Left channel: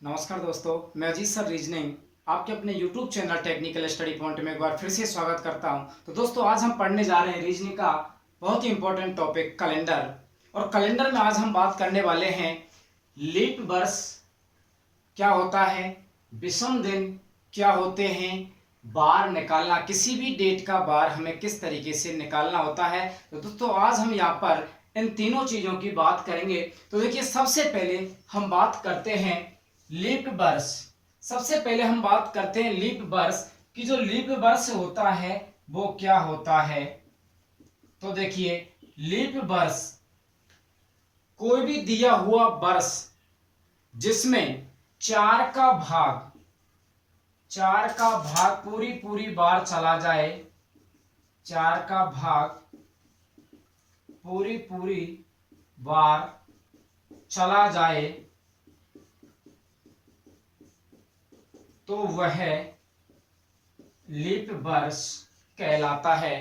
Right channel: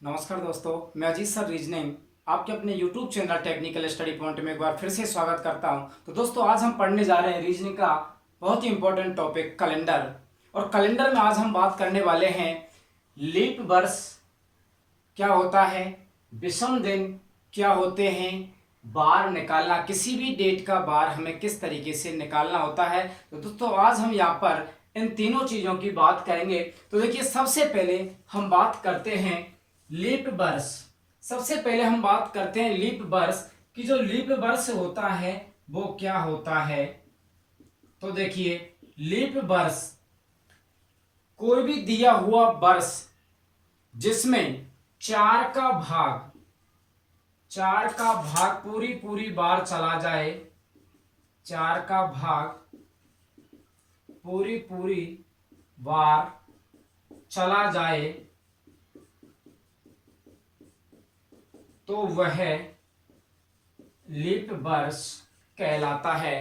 नमस्कार दोस्तों, मैं अजीत सर रीजनिंग आपके अपने YouTube channel technical study point में एक बार फिर से स्वागत करता हूं। तो दोस्तों, आज हम पढ़ने जा रहे हैं रीजनिंग का बहुत ही इंपॉर्टेंट टॉपिक कैलेंडर। और कैलेंडर में आज हम बात करने वाले हैं लीप वर्ष क्या होता है, विषम दिन क्या होते हैं, बार निकालना, किसी भी डेट का बार हमें किस तरीके से निकालना होता है। तो दोस्तों, आज हम यहाँ पर इन तीनों चीज़ों की बात करेंगे। तो देखिए, सबसे पहले हम बात करते हैं लीप वर्ष। सबसे पहले हम बात करते हैं लीप वर्ष कि जो लीप वर्ष होता है वो क्या होता है। तो देखिए, लीप वर्ष कोई भी दिया हुआ वर्ष जिसमें चार का भाग पूरी बार चला जाए, चार का भाग पूरी बार चला जाए तो वह लीप वर्ष कहलाता है।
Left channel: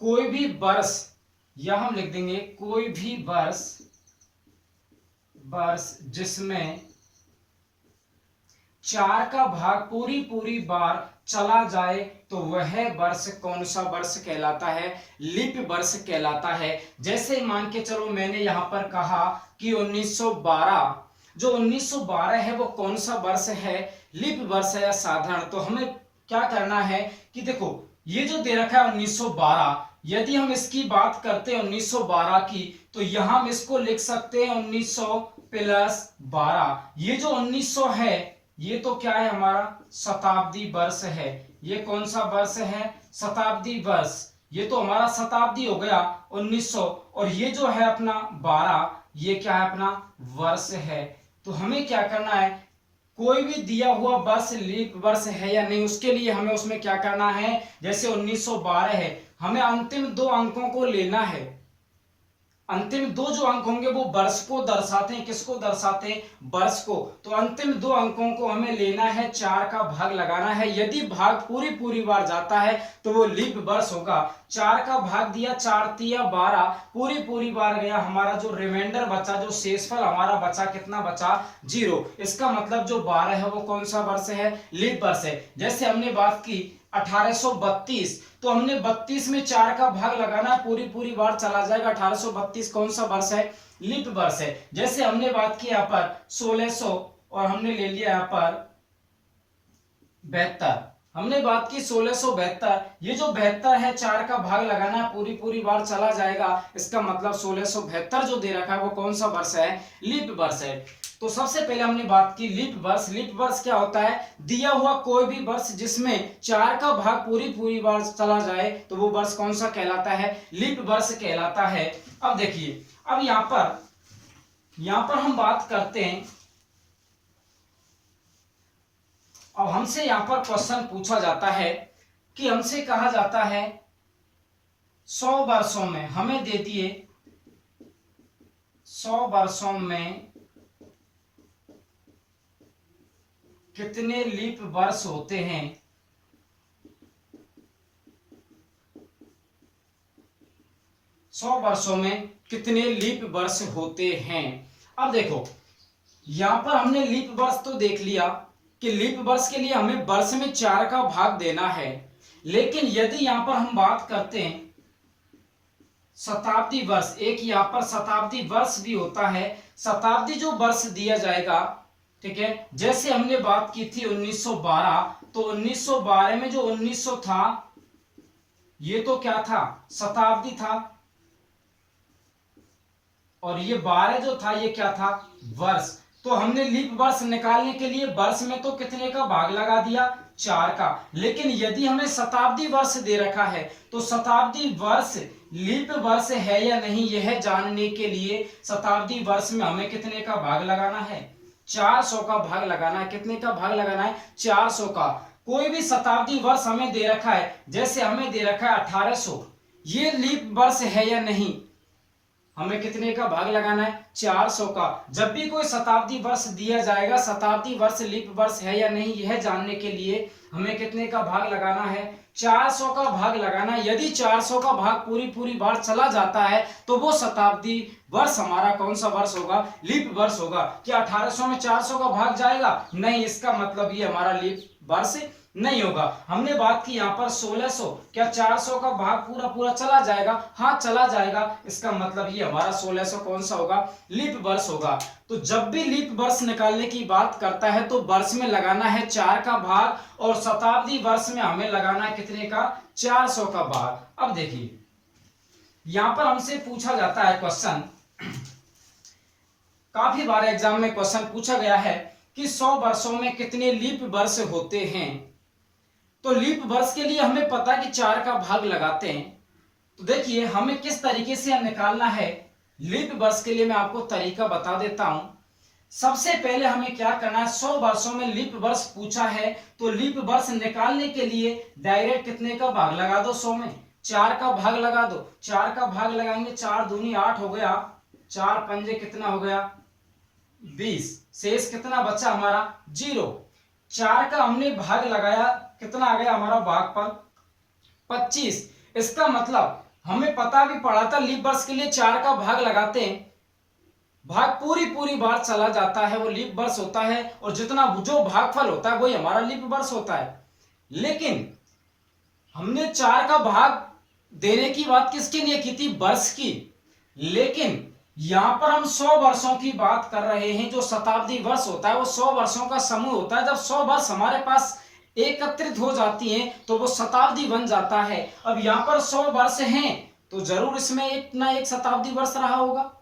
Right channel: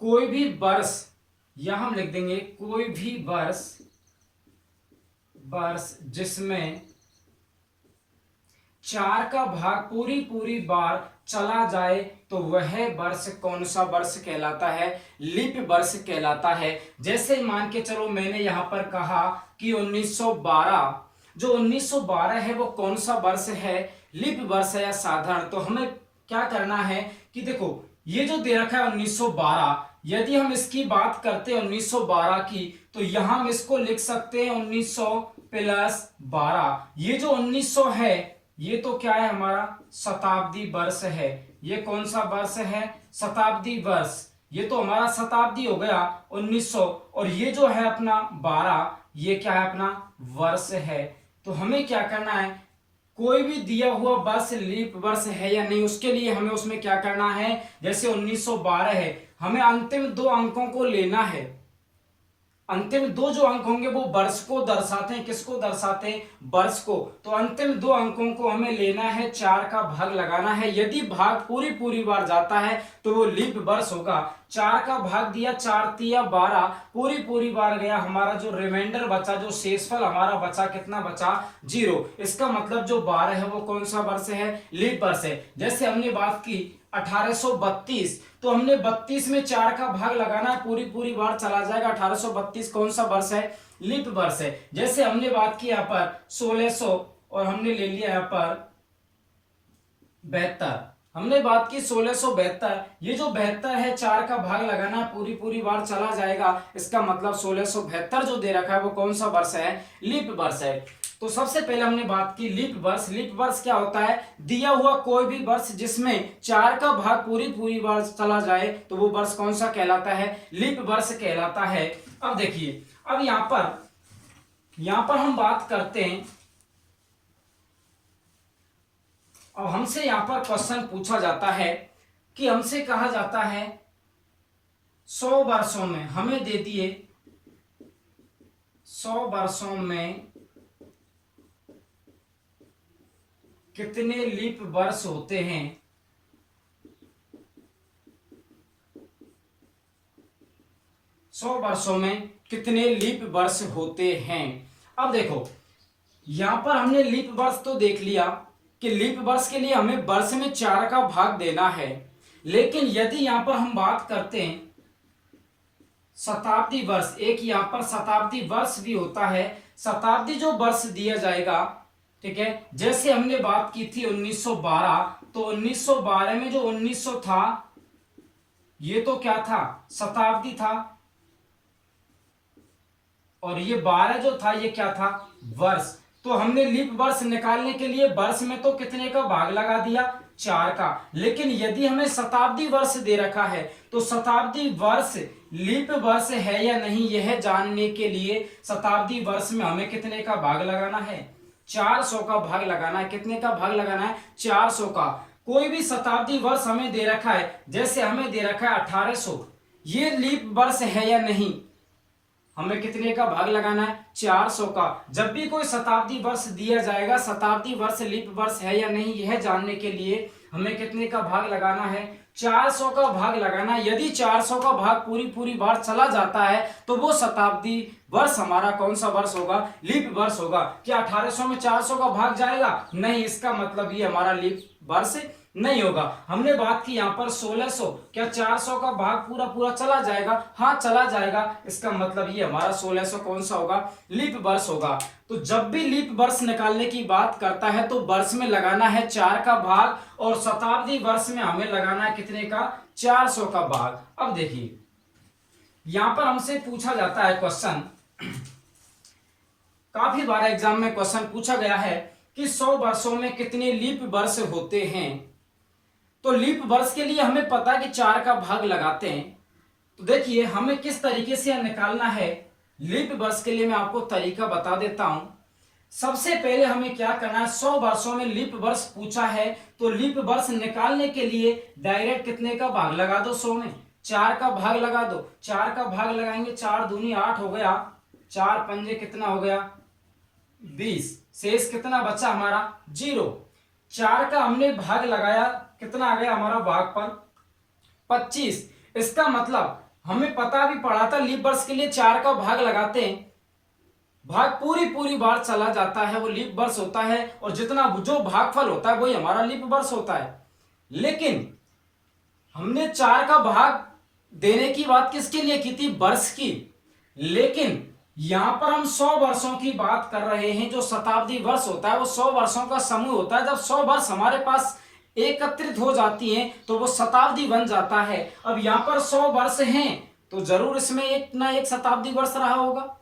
कोई भी वर्ष, या हम लिख देंगे कोई भी वर्ष जिसमें चार का भाग पूरी बार चला जाए तो वह वर्ष कौन सा वर्ष कहलाता है, लीप वर्ष कहलाता है। जैसे मान के चलो, मैंने यहां पर कहा कि 1912, जो 1912 है वो कौन सा वर्ष है, लीप वर्ष है या साधारण। तो हमें क्या करना है कि देखो, ये जो दे रखा है 1912, यदि हम इसकी बात करते हैं 1912 की, तो यहां हम इसको लिख सकते हैं 1900 प्लस 12। ये जो 1900 है ये तो क्या है, हमारा शताब्दी वर्ष है। ये कौन सा वर्ष है, शताब्दी वर्ष। ये तो हमारा शताब्दी हो गया 1900, और ये जो है अपना 12, ये क्या है, अपना वर्ष है। तो हमें क्या करना है, कोई भी दिया हुआ वर्ष लीप वर्ष है या नहीं, उसके लिए हमें उसमें क्या करना है, जैसे 1912 है, हमें अंतिम दो अंकों को लेना है। अंतिम दो जो अंक होंगे वो वर्ष को दर्शाते हैं। किसको दर्शाते हैं, वर्ष को। तो अंतिम दो अंकों को हमें लेना है, चार का भाग लगाना है। यदि भाग पूरी बार जाता है तो वो लीप वर्ष होगा। चार का भाग दिया, 4 तिया 12, पूरी बार गया, हमारा जो रिमाइंडर बचा, जो शेषफल हमारा बचा, कितना बचा, 0। इसका मतलब जो 12 है वो कौन सा वर्ष है, लीप वर्ष है। जैसे हमने बात की 1832, तो हमने 32 में 4 का भाग लगाना है, पूरी बार चला जाएगा। 1832 कौन सा वर्ष है, लीप वर्ष है। जैसे हमने बात की यहाँ पर 1600, और हमने ले लिया यहाँ पर 72, हमने बात की 1672। ये जो 72 है, 4 का भाग लगाना है, पूरी बार चला जाएगा। इसका मतलब 1672 जो दे रखा है वो कौन सा वर्ष है, लीप वर्ष है। तो सबसे पहले हमने बात की लीप वर्ष। लीप वर्ष क्या होता है, दिया हुआ कोई भी वर्ष जिसमें 4 का भाग पूरी बार चला जाए तो वो वर्ष कौन सा कहलाता है, लीप वर्ष कहलाता है। अब देखिए, अब यहां पर हम बात करते हैं। अब हमसे यहां पर क्वेश्चन पूछा जाता है कि हमसे कहा जाता है 100 वर्षों में, हमें दे दिए 100 वर्षों में कितने लीप वर्ष होते हैं। 100 वर्षों में कितने लीप वर्ष होते हैं। अब देखो, यहां पर हमने लीप वर्ष तो देख लिया कि लीप वर्ष के लिए हमें वर्ष में 4 का भाग देना है। लेकिन यदि यहां पर हम बात करते हैं शताब्दी वर्ष, एक यहां पर शताब्दी वर्ष भी होता है। शताब्दी जो वर्ष दिया जाएगा, ठीक है, जैसे हमने बात की थी 1912, तो 1912 में जो 1900 था ये तो क्या था, शताब्दी था, और ये 12 जो था ये क्या था, वर्ष। तो हमने लीप वर्ष निकालने के लिए वर्ष में तो कितने का भाग लगा दिया, 4 का। लेकिन यदि हमें शताब्दी वर्ष दे रखा है तो शताब्दी वर्ष लीप वर्ष है या नहीं, यह जानने के लिए शताब्दी वर्ष में हमें कितने का भाग लगाना है, 400 का भाग लगाना है। कितने का भाग लगाना है, 400 का। कोई भी शताब्दी वर्ष हमें दे रखा है, जैसे हमें दे रखा है 1800, ये लीप वर्ष है या नहीं, हमें कितने का भाग लगाना है, 400 का। जब भी कोई शताब्दी वर्ष दिया जाएगा, शताब्दी वर्ष लीप वर्ष है या नहीं, यह जानने के लिए हमें कितने का भाग लगाना है, 400 का भाग लगाना। यदि 400 का भाग पूरी पूरी बार चला जाता है तो वो शताब्दी वर्ष हमारा कौन सा वर्ष होगा? लीप वर्ष होगा। क्या 1800 में 400 का भाग जाएगा? नहीं, इसका मतलब ये हमारा लीप वर्ष नहीं होगा। हमने बात की यहाँ पर 1600, क्या 400 का भाग पूरा पूरा चला जाएगा? हाँ, चला जाएगा। इसका मतलब ये हमारा 1600 कौन सा होगा? लीप वर्ष होगा। तो जब भी लीप वर्ष निकालने की बात करता है तो वर्ष में लगाना है 4 का भाग और शताब्दी वर्ष में हमें लगाना है कितने का? 400 का भाग। अब देखिए यहां पर हमसे पूछा जाता है क्वेश्चन, काफी बार एग्जाम में क्वेश्चन पूछा गया है कि 100 वर्षों में कितने लीप वर्ष होते हैं। तो लीप वर्ष के लिए हमें पता है कि 4 का भाग लगाते हैं। तो देखिए हमें किस तरीके से यह निकालना है लीप वर्ष के लिए, मैं आपको तरीका बता देता हूं। सबसे पहले हमें क्या करना है, 100 वर्षों में लीप वर्ष पूछा है तो लीप वर्ष निकालने के लिए डायरेक्ट कितने का भाग लगा दो? 100 में 4 का भाग लगा दो। 4 का भाग लगाएंगे, 4 दूनी 8 हो गया, 4 पंजे कितना हो गया? 20। शेष कितना बचा हमारा? 0। 4 का हमने भाग लगाया, कितना आ गया हमारा भागफल? 25। इसका मतलब हमें पता भी पड़ा था लीप वर्ष के लिए 4 का भाग लगाते हैं, भाग पूरी पूरी बार चला जाता है, वो लीप वर्ष होता है और जितना जो भागफल होता है वही हमारा लीप वर्ष होता है। लेकिन हमने 4 का भाग देने की बात किसके लिए की थी? वर्ष की। लेकिन यहां पर हम 100 वर्षों की बात कर रहे हैं। जो शताब्दी वर्ष होता है वो 100 वर्षों का समूह होता है। जब 100 वर्ष हमारे पास एकत्रित हो जाती हैं तो वो शताब्दी बन जाता है। अब यहाँ पर 100 वर्ष हैं तो जरूर इसमें एक ना एक शताब्दी वर्ष रहा होगा।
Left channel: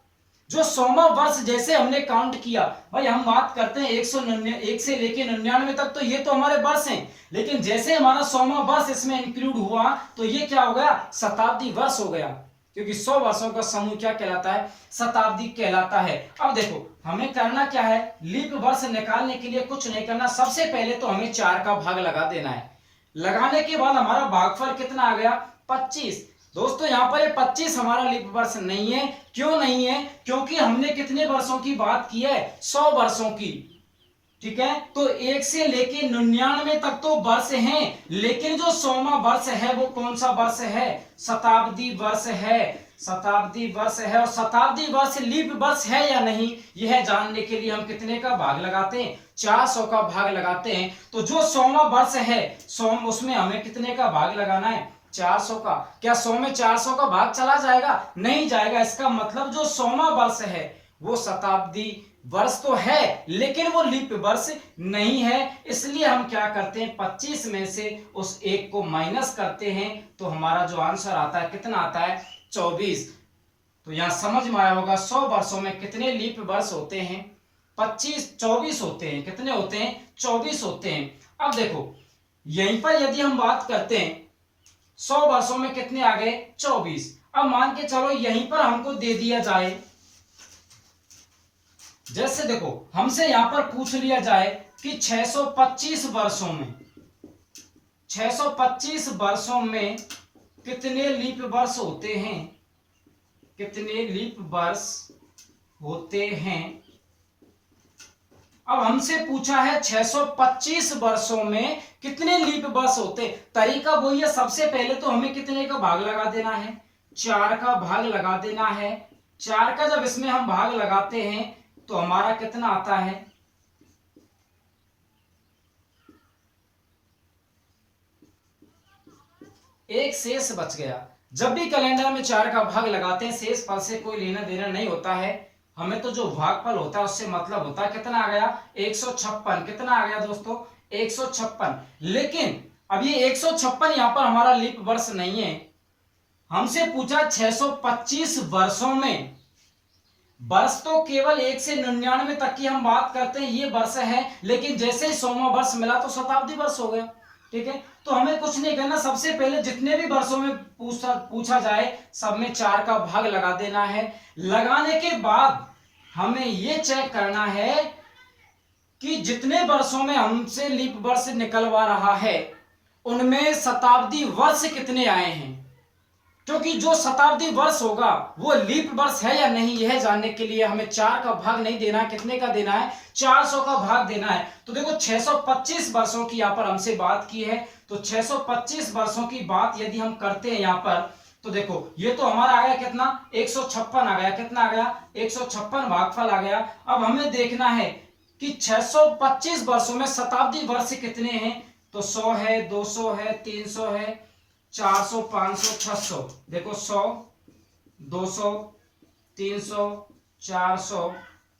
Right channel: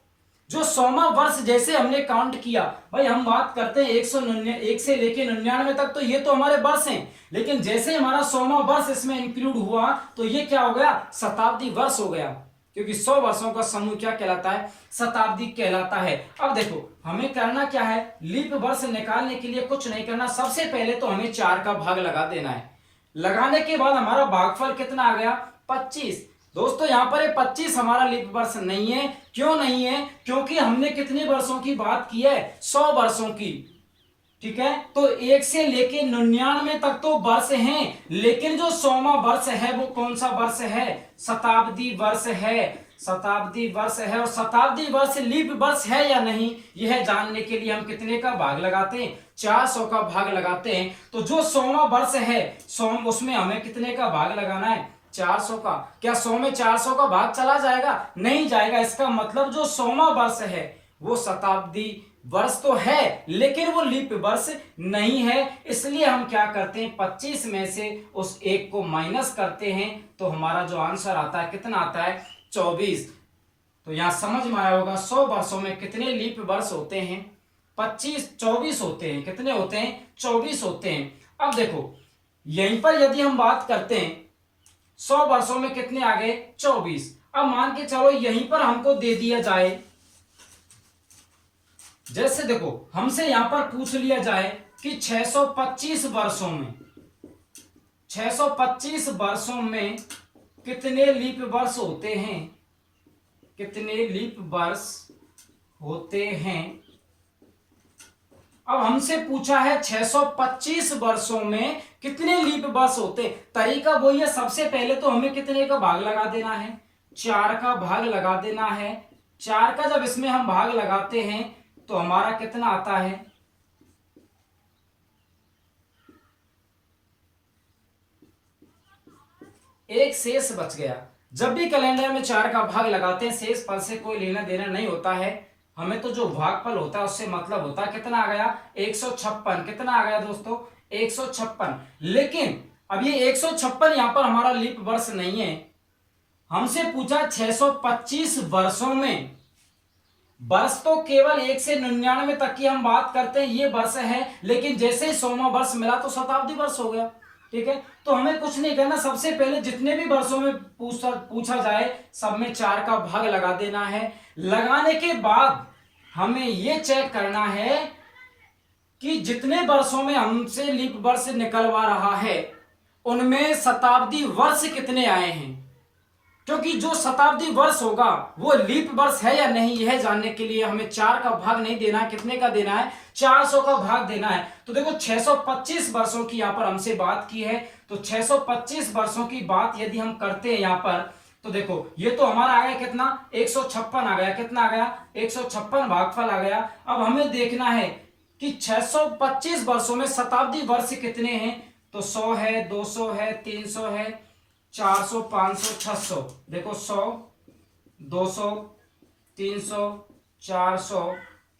जो 100वां वर्ष जैसे हमने काउंट किया, भाई हम बात करते हैं 1 से लेके 99 तक, तो ये तो हमारे वर्ष हैं। लेकिन जैसे हमारा 100वां वर्ष इसमें इंक्लूड हुआ तो ये क्या हो गया? शताब्दी वर्ष हो गया, क्योंकि 100 वर्षों का समूह क्या कहलाता है? शताब्दी कहलाता है। अब देखो हमें करना क्या है, लीप वर्ष निकालने के लिए कुछ नहीं करना। सबसे पहले तो हमें 4 का भाग लगा देना है। लगाने के बाद हमारा भागफल कितना आ गया? 25। दोस्तों यहाँ पर 25 हमारा लीप वर्ष नहीं है। क्यों नहीं है? क्योंकि हमने कितने वर्षों की बात की है? 100 वर्षों की। ठीक है, तो 1 से लेके 99 तक तो वर्ष हैं, लेकिन जो 100वां वर्ष है वो कौन सा वर्ष है? शताब्दी वर्ष है। शताब्दी वर्ष है। और शताब्दी वर्ष लीप वर्ष है या नहीं, यह जानने के लिए हम कितने का भाग लगाते हैं? 400 का भाग लगाते हैं। तो जो 100वां वर्ष है 100, उसमें हमें कितने का भाग लगाना है? 400 का। क्या 100 में 400 का भाग चला जाएगा? नहीं जाएगा। इसका मतलब जो 100वां वर्ष है वो शताब्दी वर्ष तो है लेकिन वो लीप वर्ष नहीं है। इसलिए हम क्या करते हैं, 25 में से उस 1 को माइनस करते हैं तो हमारा जो आंसर आता है कितना आता है? 24। तो यहां समझ में आया होगा 100 वर्षों में कितने लीप वर्ष होते हैं? 24 होते हैं। कितने होते हैं? 24 होते हैं। अब देखो यहीं पर यदि हम बात करते हैं 100 वर्षों में कितने आ गए? 24। अब मान के चलो यहीं पर हमको दे दिया जाए, जैसे देखो हमसे यहां पर पूछ लिया जाए कि 625 वर्षों में 625 वर्षों में कितने लीप वर्ष होते हैं? कितने लीप वर्ष होते हैं? अब हमसे पूछा है 625 वर्षों में कितने लीप वर्ष होते। तरीका वही है, सबसे पहले तो हमें कितने का भाग लगा देना है? 4 का भाग लगा देना है। 4 का जब इसमें हम भाग लगाते हैं तो हमारा कितना आता है? एक शेष बच गया। जब भी कैलेंडर में 4 का भाग लगाते हैं शेष फल से कोई लेना देना नहीं होता है, हमें तो जो भागफल होता है उससे मतलब होता है। कितना आ गया? 156। कितना आ गया दोस्तों? 156। लेकिन अब ये 156 यहां पर हमारा लीप वर्ष नहीं है। हमसे पूछा 625 वर्षों में। वर्ष तो केवल 1 से 99 तक की हम बात करते हैं, ये वर्ष है। लेकिन जैसे ही 100वां वर्ष मिला तो शताब्दी वर्ष हो गया। ठीक है, तो हमें कुछ नहीं करना। सबसे पहले जितने भी वर्षों में पूछा जाए सब में 4 का भाग लगा देना है। लगाने के बाद हमें यह चेक करना है कि जितने वर्षों में हमसे लीप वर्ष निकलवा रहा है उनमें शताब्दी वर्ष कितने आए हैं। क्योंकि जो शताब्दी वर्ष होगा वो लीप वर्ष है या नहीं, यह जानने के लिए हमें 4 का भाग नहीं देना है, कितने का देना है, 400 का भाग देना है। तो देखो 625 वर्षों की यहाँ पर हमसे बात की है, तो 625 वर्षों की बात यदि हम करते हैं यहाँ पर, तो देखो ये तो हमारा आ गया कितना, 156 आ गया, कितना आ गया, 156 भागफल आ गया। अब हमें देखना है कि 625 वर्षों में शताब्दी वर्ष कितने हैं, तो 100 है, 200 है, 300 है, 400, 500, 600। देखो 100, 200, 300, 400,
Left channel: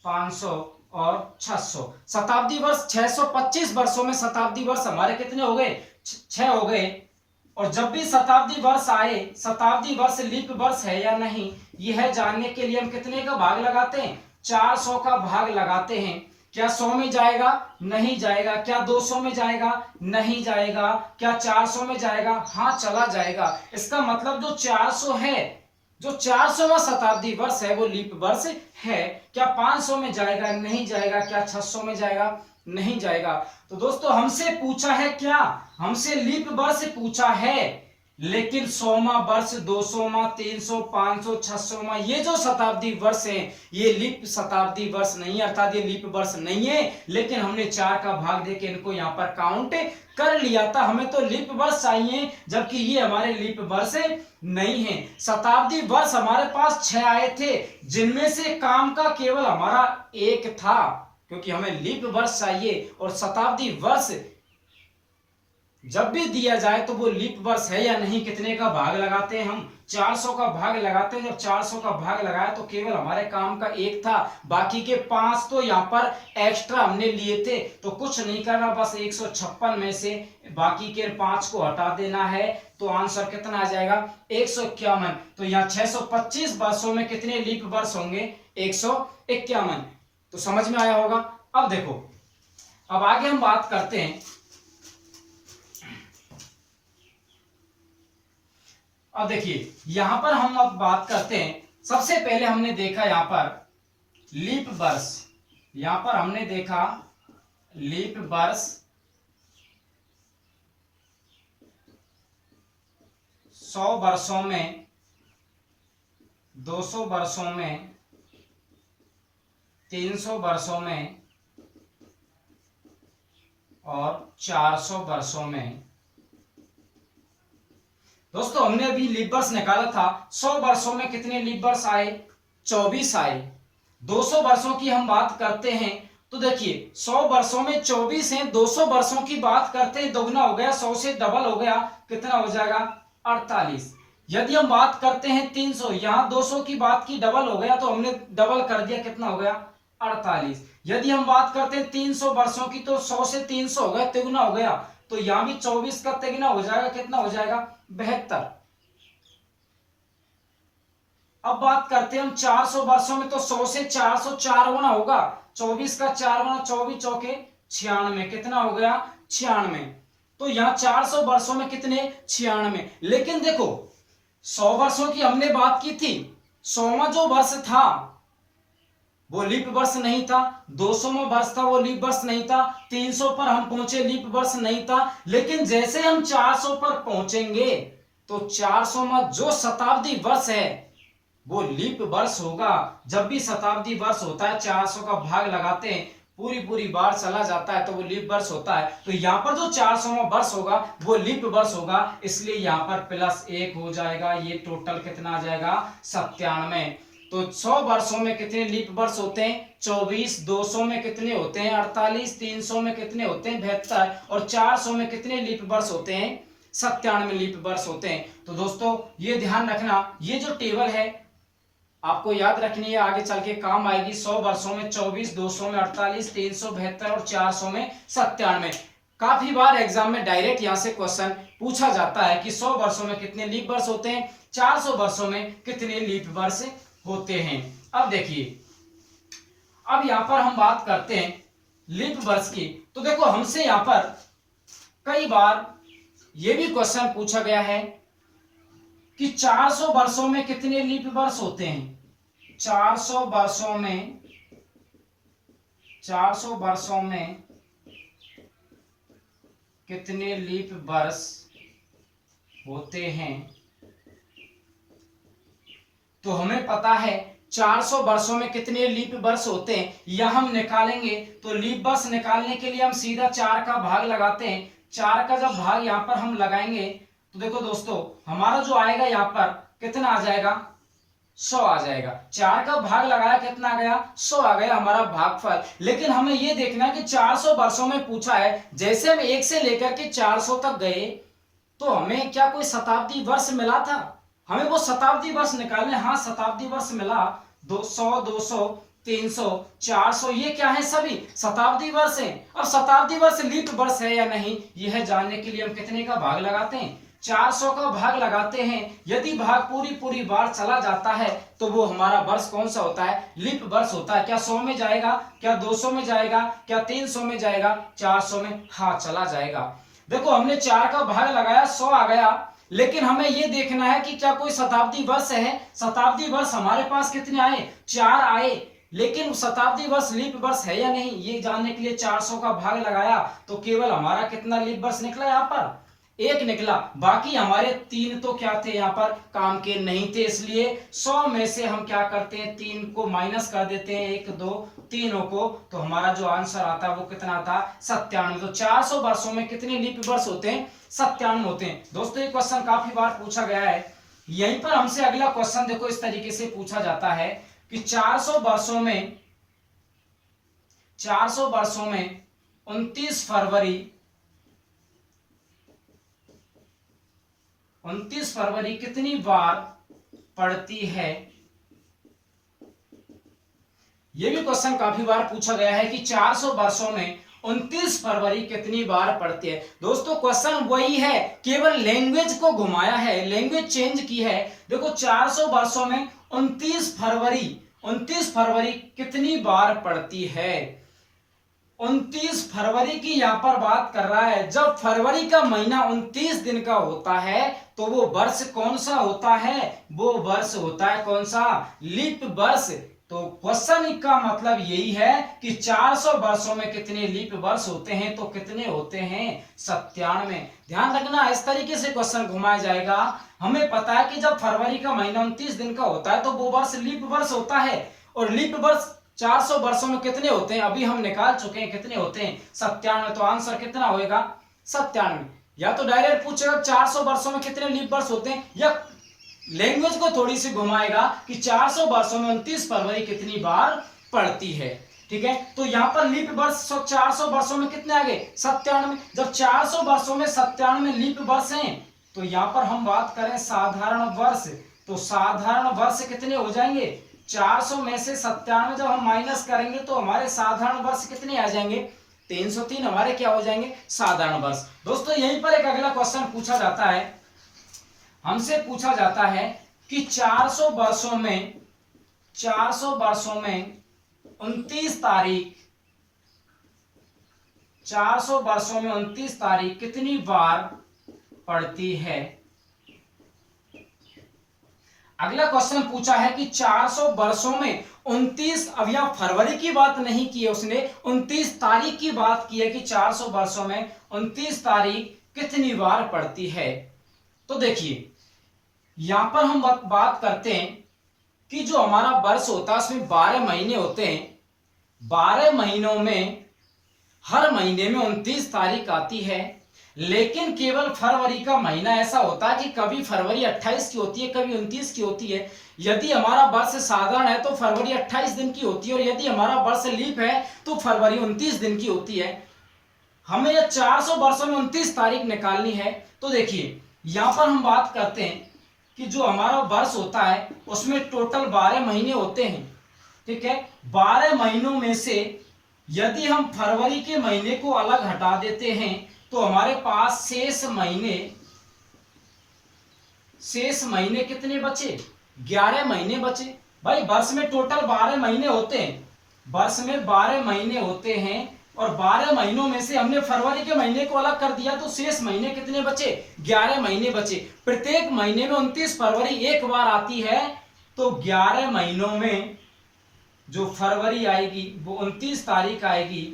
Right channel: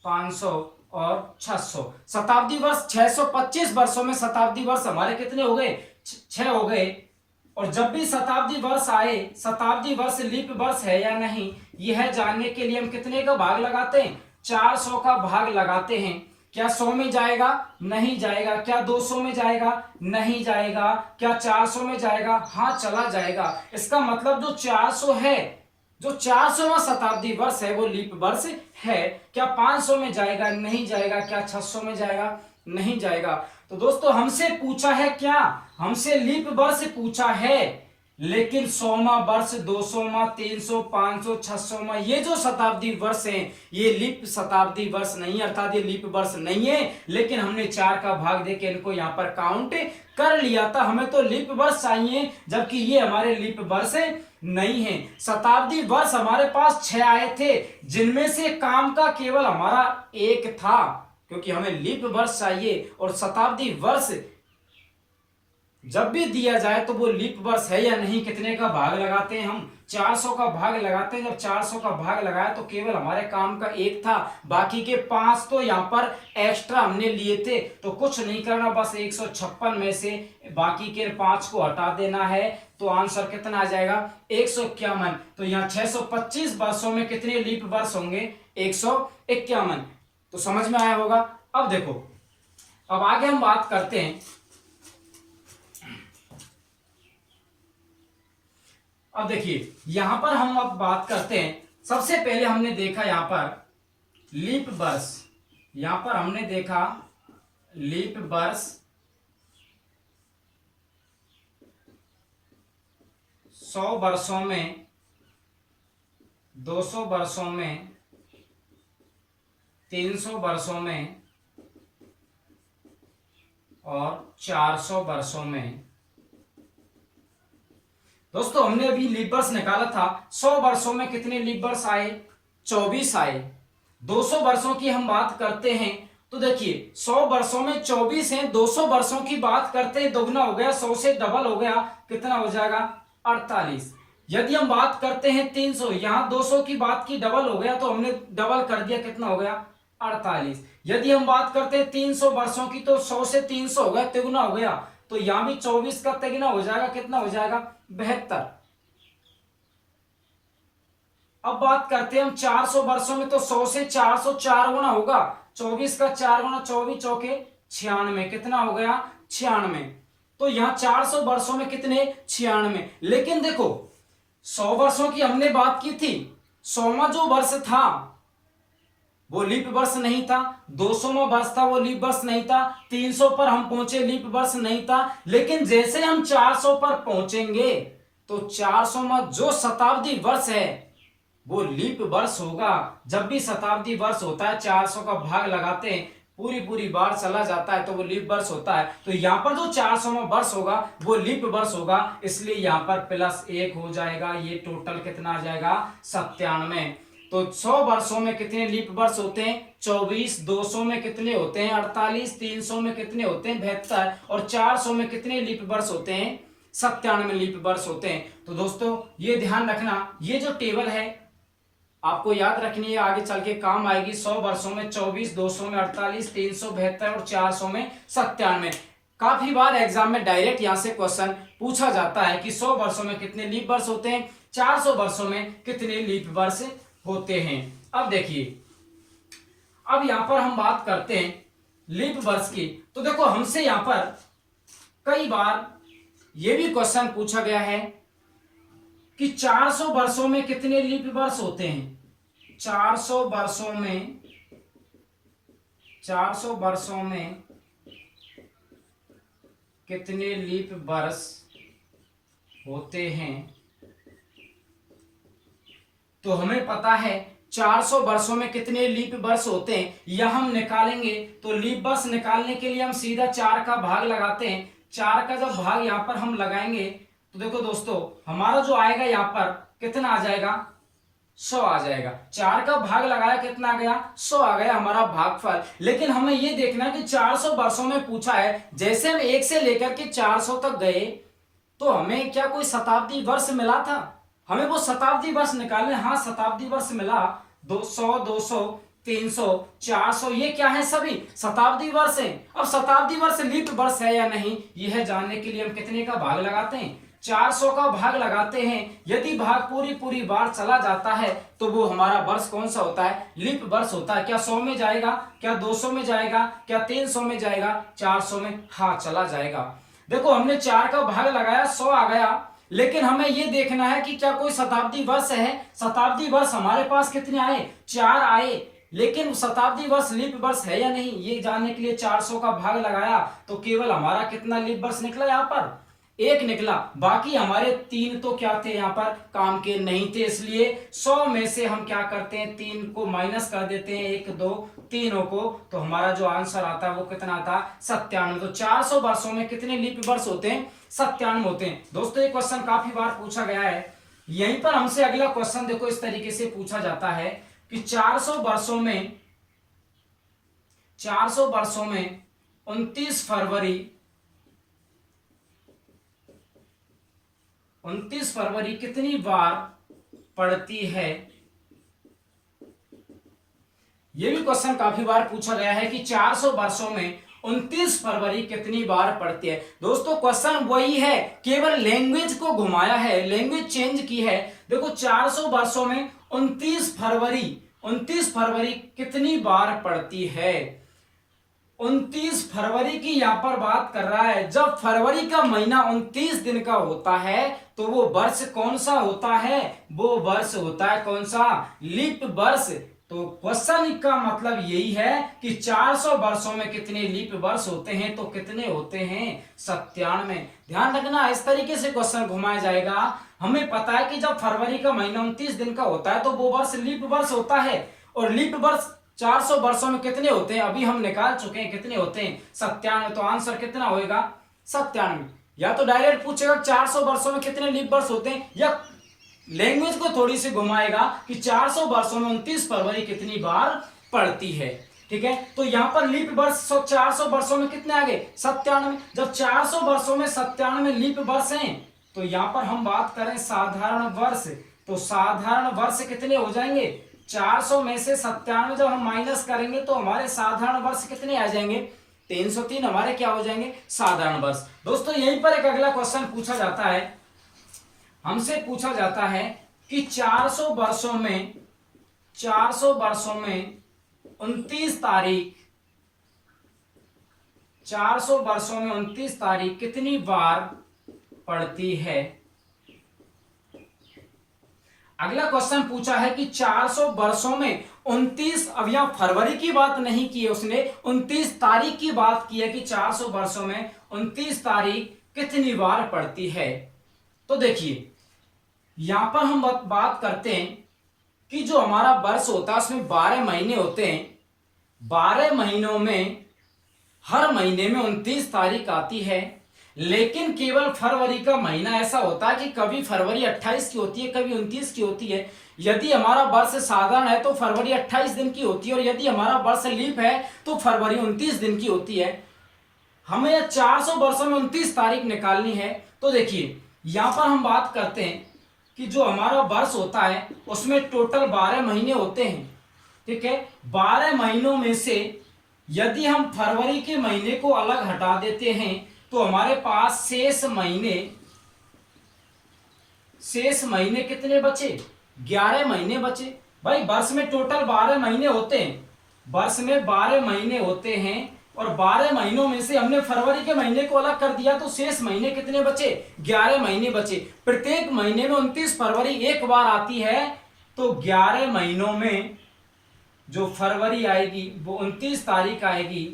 500 और 600। शताब्दी वर्ष 625 वर्षों में शताब्दी वर्ष हमारे कितने हो गए, 6 हो गए। और जब भी शताब्दी वर्ष आए, शताब्दी वर्ष लीप वर्ष है या नहीं, यह जानने के लिए हम कितने का भाग लगाते हैं, 400 का भाग लगाते हैं। क्या 100 में जाएगा, नहीं जाएगा। क्या 200 में जाएगा, नहीं जाएगा। क्या 400 में जाएगा, हाँ चला जाएगा। इसका मतलब जो 400 है, जो 400वां शताब्दी वर्ष है वो लीप वर्ष है। क्या 500 में जाएगा, नहीं जाएगा। क्या 600 में जाएगा, नहीं जाएगा। तो दोस्तों हमसे पूछा है क्या, हमसे लीप वर्ष पूछा है, लेकिन 100वां वर्ष, 200वां, 300, 500, 600वां ये जो शताब्दी वर्ष है ये लीप शताब्दी वर्ष नहीं है, अर्थात ये लीप वर्ष नहीं है। लेकिन हमने 4 का भाग देके इनको यहाँ पर काउंट कर लिया था। हमें तो लीप वर्ष चाहिए, जबकि ये हमारे लीप वर्ष नहीं है। शताब्दी वर्ष हमारे पास 6 आए थे, जिनमें से काम का केवल हमारा 1 था, क्योंकि हमें लीप वर्ष चाहिए। और शताब्दी वर्ष जब भी दिया जाए तो वो लीप वर्ष है या नहीं, कितने का भाग लगाते हैं हम, 400 का भाग लगाते हैं। जब 400 का भाग लगाया तो केवल हमारे काम का 1 था, बाकी के 5 तो यहाँ पर एक्स्ट्रा हमने लिए थे। तो कुछ नहीं करना, बस 156 में से बाकी के 5 को हटा देना है, तो आंसर कितना आ जाएगा, 151। तो यहाँ 625 वर्षों में कितने लीप वर्ष होंगे, 151। तो समझ में आया होगा। अब देखो, अब आगे हम बात करते हैं। अब देखिए यहां पर हम अब बात करते हैं। सबसे पहले हमने देखा यहां पर लीप वर्ष, यहां पर हमने देखा लीप वर्ष 100 वर्षों में, 200 वर्षों में, 300 वर्षों में और 400 वर्षों में। दोस्तों हमने अभी लीप वर्ष निकाला था, 100 वर्षों में कितने लीप वर्ष आए, 24 आए। 200 वर्षों की हम बात करते हैं तो देखिए 100 वर्षों में 24 हैं, 200 वर्षों की बात करते हैं, दोगुना हो गया, 100 से डबल हो गया, कितना हो जाएगा, 48। यदि हम बात करते हैं 300, यहां 200 की बात की, डबल हो गया तो हमने डबल कर दिया, कितना हो गया, 48। यदि हम बात करते हैं 300 वर्षों की, तो 100 से 300 हो गया, तिगुना हो गया, तो यहां भी 24 का तिगुना हो जाएगा, कितना हो जाएगा, 72। अब बात करते हैं हम 400 वर्षों में, तो 100 से 400 4 गुना होगा, 24 का 4 गुना, 24 चौके 96, कितना हो गया, 96। तो यहां 400 वर्षों में कितने, 96। लेकिन देखो 100 वर्षों की हमने बात की थी, 100वां जो वर्ष था वो लीप वर्ष नहीं था, 200वां वर्ष था वो लीप वर्ष नहीं था, 300 पर हम पहुंचे लीप वर्ष नहीं था। लेकिन जैसे हम 400 पर पहुंचेंगे तो 400वां जो शताब्दी वर्ष है वो लीप वर्ष होगा। जब भी शताब्दी वर्ष होता है 400 का भाग लगाते हैं, पूरी बार चला जाता है तो वो लीप वर्ष होता है। तो यहाँ पर जो 400वां वर्ष होगा वो लीप वर्ष होगा, इसलिए यहाँ पर +1 हो जाएगा। ये टोटल कितना आ जाएगा, 97। तो 100 वर्षों में कितने लीप वर्ष होते हैं, 24। 200 में कितने होते हैं, 48। 300 में कितने होते हैं, 72। और 400 में कितने लीप वर्ष होते हैं, 97 लीप वर्ष होते हैं। तो दोस्तों ये ध्यान रखना, ये जो टेबल है आपको याद रखनी है, आगे चल के काम आएगी। 100 वर्षों में 24, 200 में 48, 300 72 और 400 में 97। काफी बार एग्जाम में डायरेक्ट यहां से क्वेश्चन पूछा जाता है कि 100 वर्षों में कितने लीप वर्ष होते हैं, 400 वर्षों में कितने लीप वर्ष होते हैं। अब देखिए, अब यहां पर हम बात करते हैं लीप वर्ष की। तो देखो हमसे यहां पर कई बार यह भी क्वेश्चन पूछा गया है कि 400 वर्षों में कितने लीप वर्ष होते हैं। 400 वर्षों में, 400 वर्षों में कितने लीप वर्ष होते हैं। तो हमें पता है 400 वर्षों में कितने लीप वर्ष होते हैं, यह हम निकालेंगे। तो लीप वर्ष निकालने के लिए हम सीधा 4 का भाग लगाते हैं। 4 का जब भाग यहाँ पर हम लगाएंगे तो देखो दोस्तों, हमारा जो आएगा यहाँ पर कितना आ जाएगा, 100 आ जाएगा। 4 का भाग लगाया, कितना आ गया, 100 आ गया हमारा भागफल। लेकिन हमें यह देखना है कि 400 वर्षों में पूछा है, जैसे हम 1 से लेकर के 400 तक गए तो हमें क्या कोई शताब्दी वर्ष मिला था, हमें वो शताब्दी वर्ष निकालने। हाँ, शताब्दी वर्ष मिला, 200, 200, 300, 400, ये क्या है, सभी शताब्दी वर्ष हैं। अब शताब्दी वर्ष लीप वर्ष है या नहीं, यह जानने के लिए हम कितने का भाग लगाते हैं, 400 का भाग लगाते हैं। यदि भाग पूरी बार चला जाता है तो वो हमारा वर्ष कौन सा होता है, लीप वर्ष होता है। क्या 100 में जाएगा, क्या 200 में जाएगा, क्या 300 में जाएगा, 400 में, हाँ चला जाएगा। देखो हमने 4 का भाग लगाया, 100 आ गया। लेकिन हमें यह देखना है कि क्या कोई शताब्दी वर्ष है। शताब्दी वर्ष हमारे पास कितने आए, 4 आए। लेकिन शताब्दी वर्ष लीप वर्ष है या नहीं, ये जानने के लिए 400 का भाग लगाया तो केवल हमारा कितना लीप वर्ष निकला, यहाँ पर 1 निकला। बाकी हमारे 3 तो क्या थे, यहाँ पर काम के नहीं थे। इसलिए 100 में से हम क्या करते हैं, 3 को माइनस कर देते हैं, 1, 2, तीनों को, तो हमारा जो आंसर आता है वो कितना आता है, 97। तो 400 वर्षों में कितने लीप वर्ष होते हैं, 97 होते हैं। दोस्तों ये क्वेश्चन काफी बार पूछा गया है। यहीं पर हमसे अगला क्वेश्चन देखो इस तरीके से पूछा जाता है कि 400 वर्षों में 29 फरवरी कितनी बार पड़ती है। यह भी क्वेश्चन काफी बार पूछा गया है कि 400 वर्षों में 29 फरवरी कितनी बार पड़ती है। दोस्तों क्वेश्चन वही है, केवल लैंग्वेज को घुमाया है, लैंग्वेज चेंज की है। देखो 400 वर्षों में 29 फरवरी कितनी बार पड़ती है। 29 फरवरी की यहां पर बात कर रहा है। जब फरवरी का महीना 29 दिन का होता है तो वो वर्ष कौन सा होता है, वो वर्ष होता है कौन सा, लीप वर्ष। तो क्वेश्चन का मतलब यही है कि 400 वर्षों में कितने लीप वर्ष होते हैं, तो कितने होते हैं, 97। ध्यान रखना, इस तरीके से क्वेश्चन घुमाया जाएगा। हमें पता है कि जब फरवरी का महीना 29 दिन का होता है तो वो वर्ष लीप वर्ष होता है। और लीप वर्ष 400 वर्षों में कितने होते हैं, अभी हम निकाल चुके हैं कितने होते हैं, 97। तो आंसर कितना होएगा, 97। या तो डायरेक्ट पूछेगा 400 वर्षों में कितने लीप वर्ष होते हैं, या लैंग्वेज को थोड़ी सी घुमाएगा कि 400 वर्षों में 29 फरवरी कितनी बार पड़ती है। ठीक है, तो यहां पर लीप वर्ष 400 वर्षों में कितने आ गए, 97। जब 400 वर्षों में 97 लीप वर्ष हैं तो यहां पर हम बात करें साधारण वर्ष, तो साधारण वर्ष कितने हो जाएंगे, 400 में से 97 जब हम माइनस करेंगे तो हमारे साधारण वर्ष कितने आ जाएंगे, 303 हमारे क्या हो जाएंगे, साधारण वर्ष। दोस्तों यहीं पर एक अगला क्वेश्चन पूछा जाता है, हमसे पूछा जाता है कि 400 वर्षों में 29 तारीख 400 वर्षों में 29 तारीख कितनी बार पड़ती है। अगला क्वेश्चन पूछा है कि 400 वर्षों में 29, अब यहां फरवरी की बात नहीं की है उसने, 29 तारीख की बात की है कि 400 वर्षों में 29 तारीख कितनी बार पड़ती है। तो देखिए यहां पर हम बात करते हैं कि जो हमारा वर्ष होता है उसमें 12 महीने होते हैं। 12 महीनों में हर महीने में 29 तारीख आती है, लेकिन केवल फरवरी का महीना ऐसा होता है कि कभी फरवरी 28 की होती है, कभी 29 की होती है। यदि हमारा वर्ष साधारण है तो फरवरी 28 दिन की होती है, और यदि हमारा वर्ष लीप है तो फरवरी 29 दिन की होती है। हमें 400 वर्षों में 29 तारीख निकालनी है। तो देखिए यहां पर हम बात करते हैं कि जो हमारा वर्ष होता है उसमें टोटल 12 महीने होते हैं। ठीक है, 12 महीनों में से यदि हम फरवरी के महीने को अलग हटा देते हैं तो हमारे पास शेष महीने कितने बचे, 11 महीने बचे। भाई वर्ष में टोटल 12 महीने होते हैं, वर्ष में 12 महीने होते हैं, और 12 महीनों में से हमने फरवरी के महीने को अलग कर दिया तो शेष महीने कितने बचे, 11 महीने बचे। प्रत्येक महीने में 29 फरवरी एक बार आती है, तो 11 महीनों में जो फरवरी आएगी वो 29 तारीख आएगी।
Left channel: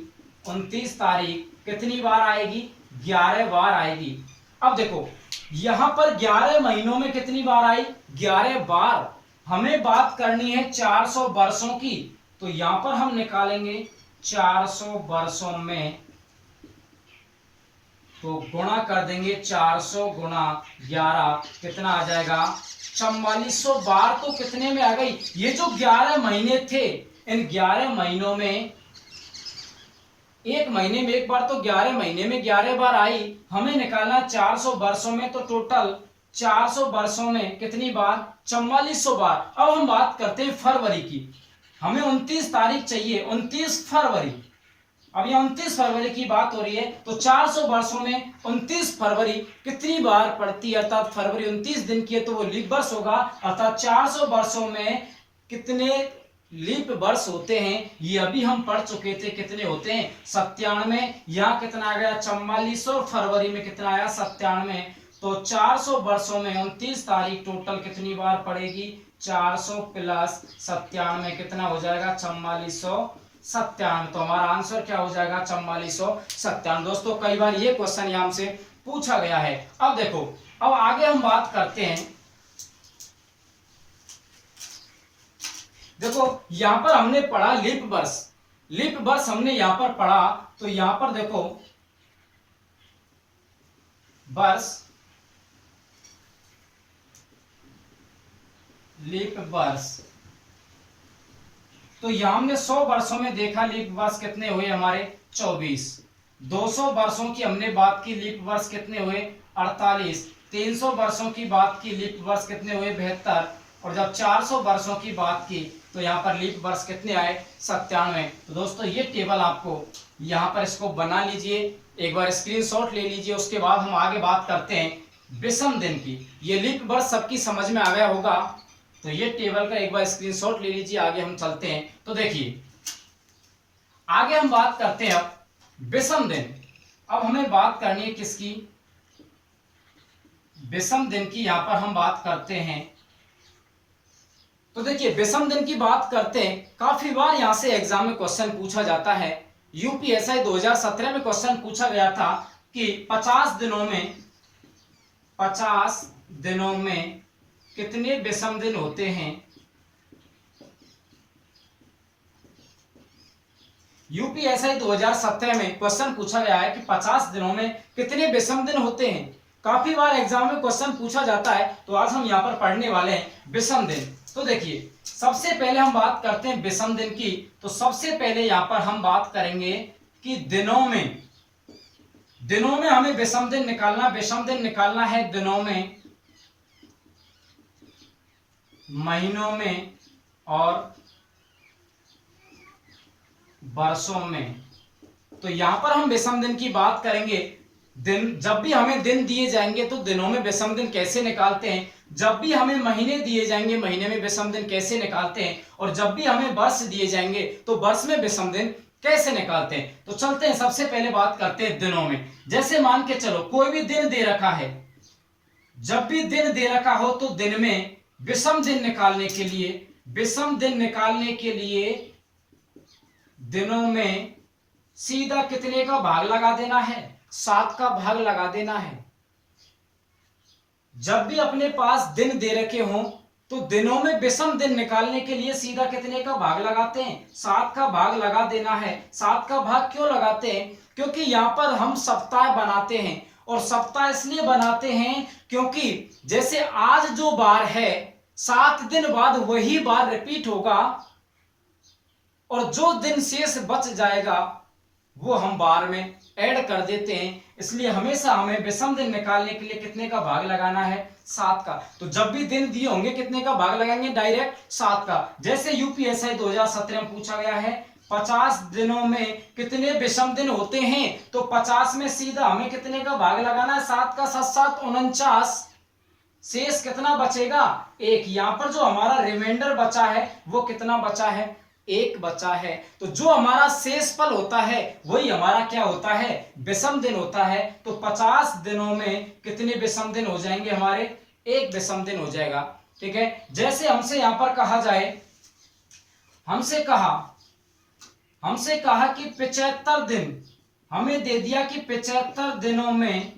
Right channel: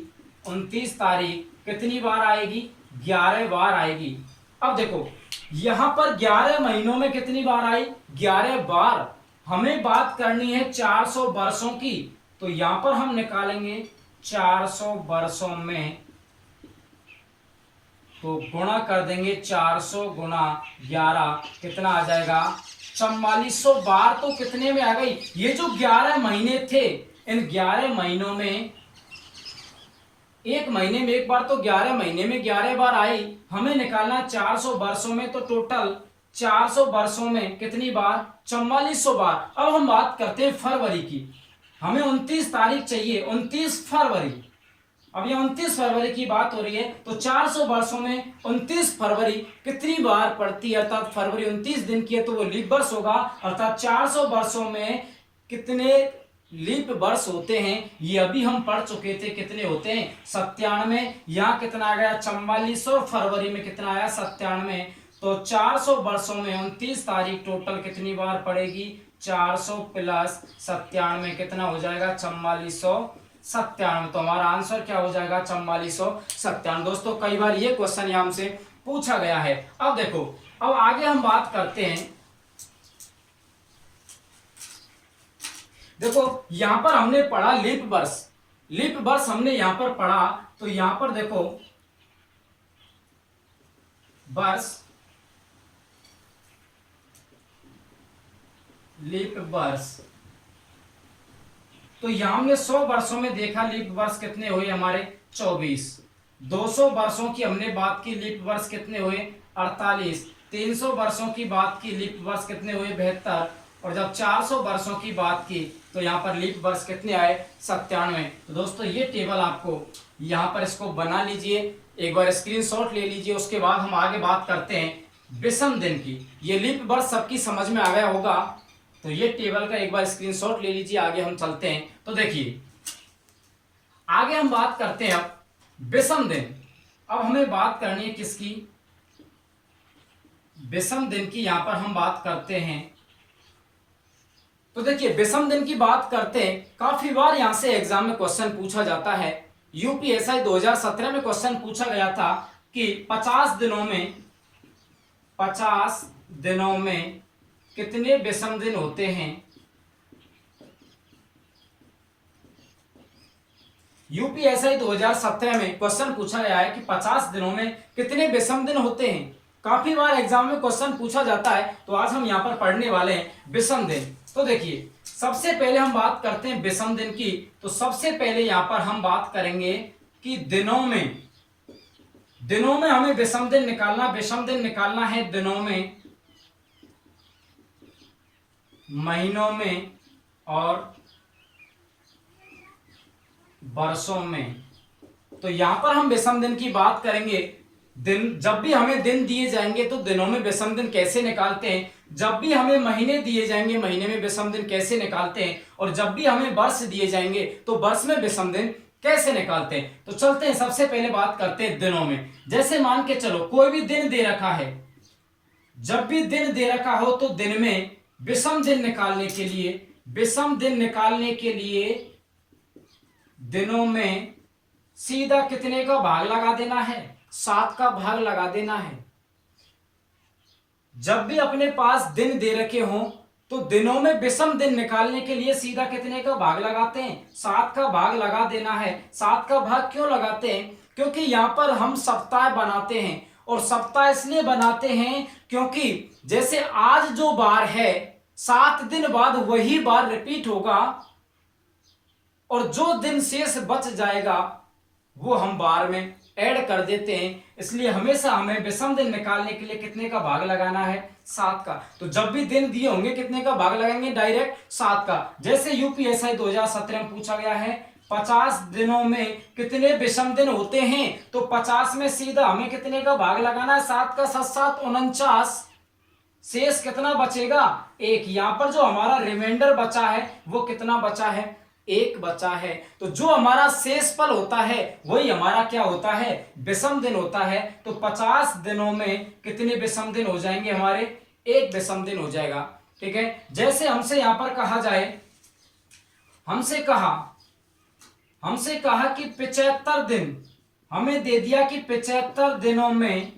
29 तारीख कितनी बार आएगी, 11 बार आएगी। अब देखो यहां पर 11 महीनों में कितनी बार आई, 11 बार। हमें बात करनी है 400 वर्षों की, तो यहां पर हम निकालेंगे 400 वर्षों में, तो गुणा कर देंगे 400 गुणा 11, कितना आ जाएगा 4400 बार। तो कितने में आ गई, ये जो 11 महीने थे, इन 11 महीनों में, एक महीने में एक बार, तो 11 महीने में 11 बार आई। हमें निकालना 400 वर्षों में, तो टोटल 400 वर्षों में कितनी बार, 4400 बार। अब हम बात करते हैं फरवरी की, हमें 29 तारीख चाहिए, 29 फरवरी। अब ये 29 फरवरी की बात हो रही है, तो 400 वर्षों में 29 फरवरी कितनी बार पड़ती है, अर्थात फरवरी 29 दिन की है तो वो लीप वर्ष होगा। अर्थात 400 वर्षों में कितने लीप वर्ष होते हैं, ये अभी हम पढ़ चुके थे, कितने होते हैं 97। यहाँ कितना आ गया 44, और फरवरी में कितना आया 97। तो 400 वर्षों में 29 तारीख टोटल कितनी बार पड़ेगी, 400 प्लस 97 कितना हो जाएगा 4497। तो हमारा आंसर क्या हो जाएगा 4497। दोस्तों कई बार ये क्वेश्चन यहाँ हमसे पूछा गया है। अब देखो, अब आगे हम बात करते हैं। देखो यहां पर हमने पढ़ा लीप वर्ष, लीप वर्ष हमने यहां पर पढ़ा, तो यहां पर देखो वर्ष, लीप वर्ष, तो यहां हमने 100 वर्षों में देखा लीप वर्ष कितने हुए हमारे 24। 200 वर्षों की हमने बात की, लीप वर्ष कितने हुए 48। 300 वर्षों की बात की, लीप वर्ष कितने हुए 72। और जब 400 वर्षों की बात की तो यहाँ पर लीप वर्ष कितने आए 97। तो दोस्तों ये टेबल आपको यहाँ पर इसको बना लीजिए, एक बार स्क्रीनशॉट ले लीजिए। उसके बाद हम आगे बात करते हैं विषम दिन की। ये लीप वर्ष सबकी समझ में आ गया होगा, तो ये टेबल का एक बार स्क्रीनशॉट ले लीजिए। आगे हम चलते हैं, तो देखिए आगे हम बात करते हैं अब विषम दिन। अब हमें बात करनी है किसकी, विषम दिन की। यहां पर हम बात करते हैं, तो देखिए विषम दिन की बात करते हैं। काफी बार यहां से एग्जाम में क्वेश्चन पूछा जाता है। यूपीएसआई 2017 में क्वेश्चन पूछा गया था कि 50 दिनों में कितने विषम दिन होते हैं। यूपीएसआई 2017 में क्वेश्चन पूछा गया है कि 50 दिनों में कितने विषम दिन होते हैं। काफी बार एग्जाम में क्वेश्चन पूछा जाता है, तो आज हम यहां पर पढ़ने वाले हैं विषम दिन। तो देखिए सबसे पहले हम बात करते हैं विषम दिन की। तो सबसे पहले यहां पर हम बात करेंगे कि दिनों में हमें विषम दिन निकालना, विषम दिन निकालना है दिनों में, महीनों में और वर्षों में। तो यहां पर हम विषम दिन की बात करेंगे। दिन, जब भी हमें दिन दिए जाएंगे तो दिनों में विषम दिन कैसे निकालते हैं, जब भी हमें महीने दिए जाएंगे महीने में विषम दिन कैसे निकालते हैं, और जब भी हमें वर्ष दिए जाएंगे तो वर्ष में विषम दिन कैसे निकालते हैं। तो चलते हैं, सबसे पहले बात करते हैं दिनों में। जैसे मान के चलो कोई भी दिन दे रखा है, जब भी दिन दे रखा हो तो दिन में विषम दिन निकालने के लिए, विषम दिन निकालने के लिए दिनों में सीधा कितने का भाग लगा देना है, 7 का भाग लगा देना है। जब भी अपने पास दिन दे रखे हों तो दिनों में विषम दिन निकालने के लिए सीधा कितने का भाग लगाते हैं, 7 का भाग लगा देना है। 7 का भाग क्यों लगाते हैं, क्योंकि यहां पर हम सप्ताह बनाते हैं, और सप्ताह इसलिए बनाते हैं क्योंकि जैसे आज जो बार है 7 दिन बाद वही बार रिपीट होगा, और जो दिन शेष बच जाएगा वो हम बार में ऐड कर देते हैं। इसलिए हमेशा हमें विषम दिन निकालने के लिए कितने का भाग लगाना है, 7 का। तो जब भी दिन दिए होंगे कितने का भाग लगाएंगे, डायरेक्ट 7 का। जैसे यूपीएसआई 2017 में पूछा गया है 50 दिनों में कितने विषम दिन होते हैं, तो 50 में सीधा हमें कितने का भाग लगाना है, 7 का। 7 7 49, शेष कितना बचेगा, 1। यहां पर जो हमारा रिमाइंडर बचा है वो कितना बचा है, 1 बचा है। तो जो हमारा शेष फल होता है वही हमारा क्या होता है, विषम दिन होता है। तो 50 दिनों में कितने विषम दिन हो जाएंगे हमारे, 1 विषम दिन हो जाएगा। ठीक है, जैसे हमसे यहां पर कहा जाए, हमसे कहा कि 75 दिन, हमें दे दिया कि 75 दिनों में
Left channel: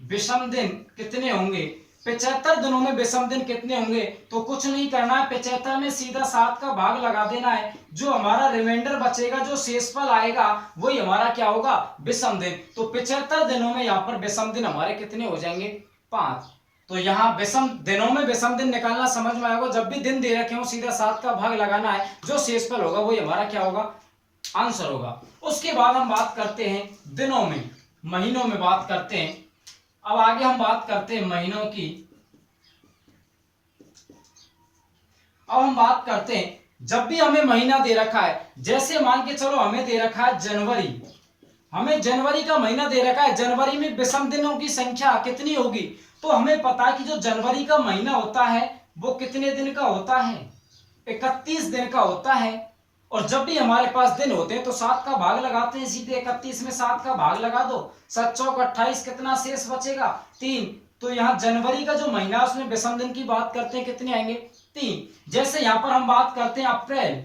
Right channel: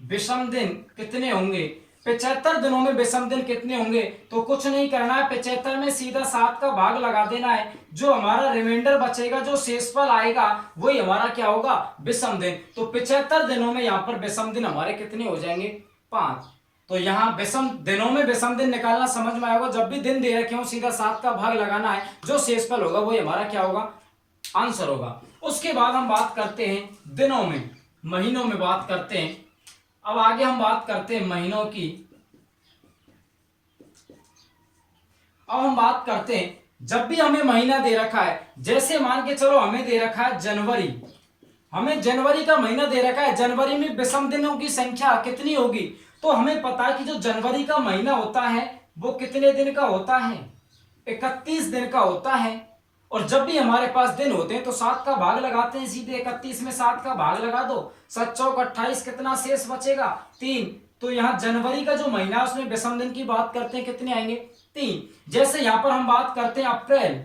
विषम दिन कितने होंगे। 75 दिनों में विषम दिन कितने होंगे? तो कुछ नहीं करना है, 75 में सीधा 7 का भाग लगा देना है। जो हमारा रिमाइंडर बचेगा, जो शेषफल आएगा, वही हमारा क्या होगा? विषम दिन। तो 75 दिनों में यहाँ पर विषम दिन हमारे कितने हो जाएंगे? 5। तो यहाँ विषम दिनों में विषम दिन निकालना समझ में आएगा। जब भी दिन दे रखे हो सीधा 7 का भाग लगाना है, जो शेषफल होगा वही हमारा क्या होगा? आंसर होगा। उसके बाद हम बात करते हैं दिनों में, महीनों में बात करते हैं। अब आगे हम बात करते हैं महीनों की। अब हम बात करते हैं, जब भी हमें महीना दे रखा है, जैसे मान के चलो हमें दे रखा है जनवरी, हमें जनवरी का महीना दे रखा है, जनवरी में विषम दिनों की संख्या कितनी होगी? तो हमें पता है कि जो जनवरी का महीना होता है वो कितने दिन का होता है? 31 दिन का होता है। और जब भी हमारे पास दिन होते हैं तो 7 का भाग लगाते हैं, सीधे 31 में 7 का भाग लगा दो, 7 चौक 28, कितना शेष बचेगा? 3। तो यहाँ जनवरी का जो महीना है उसमें विषम दिन की बात करते हैं, कितने आएंगे? 3। जैसे यहाँ पर हम बात करते हैं अप्रैल,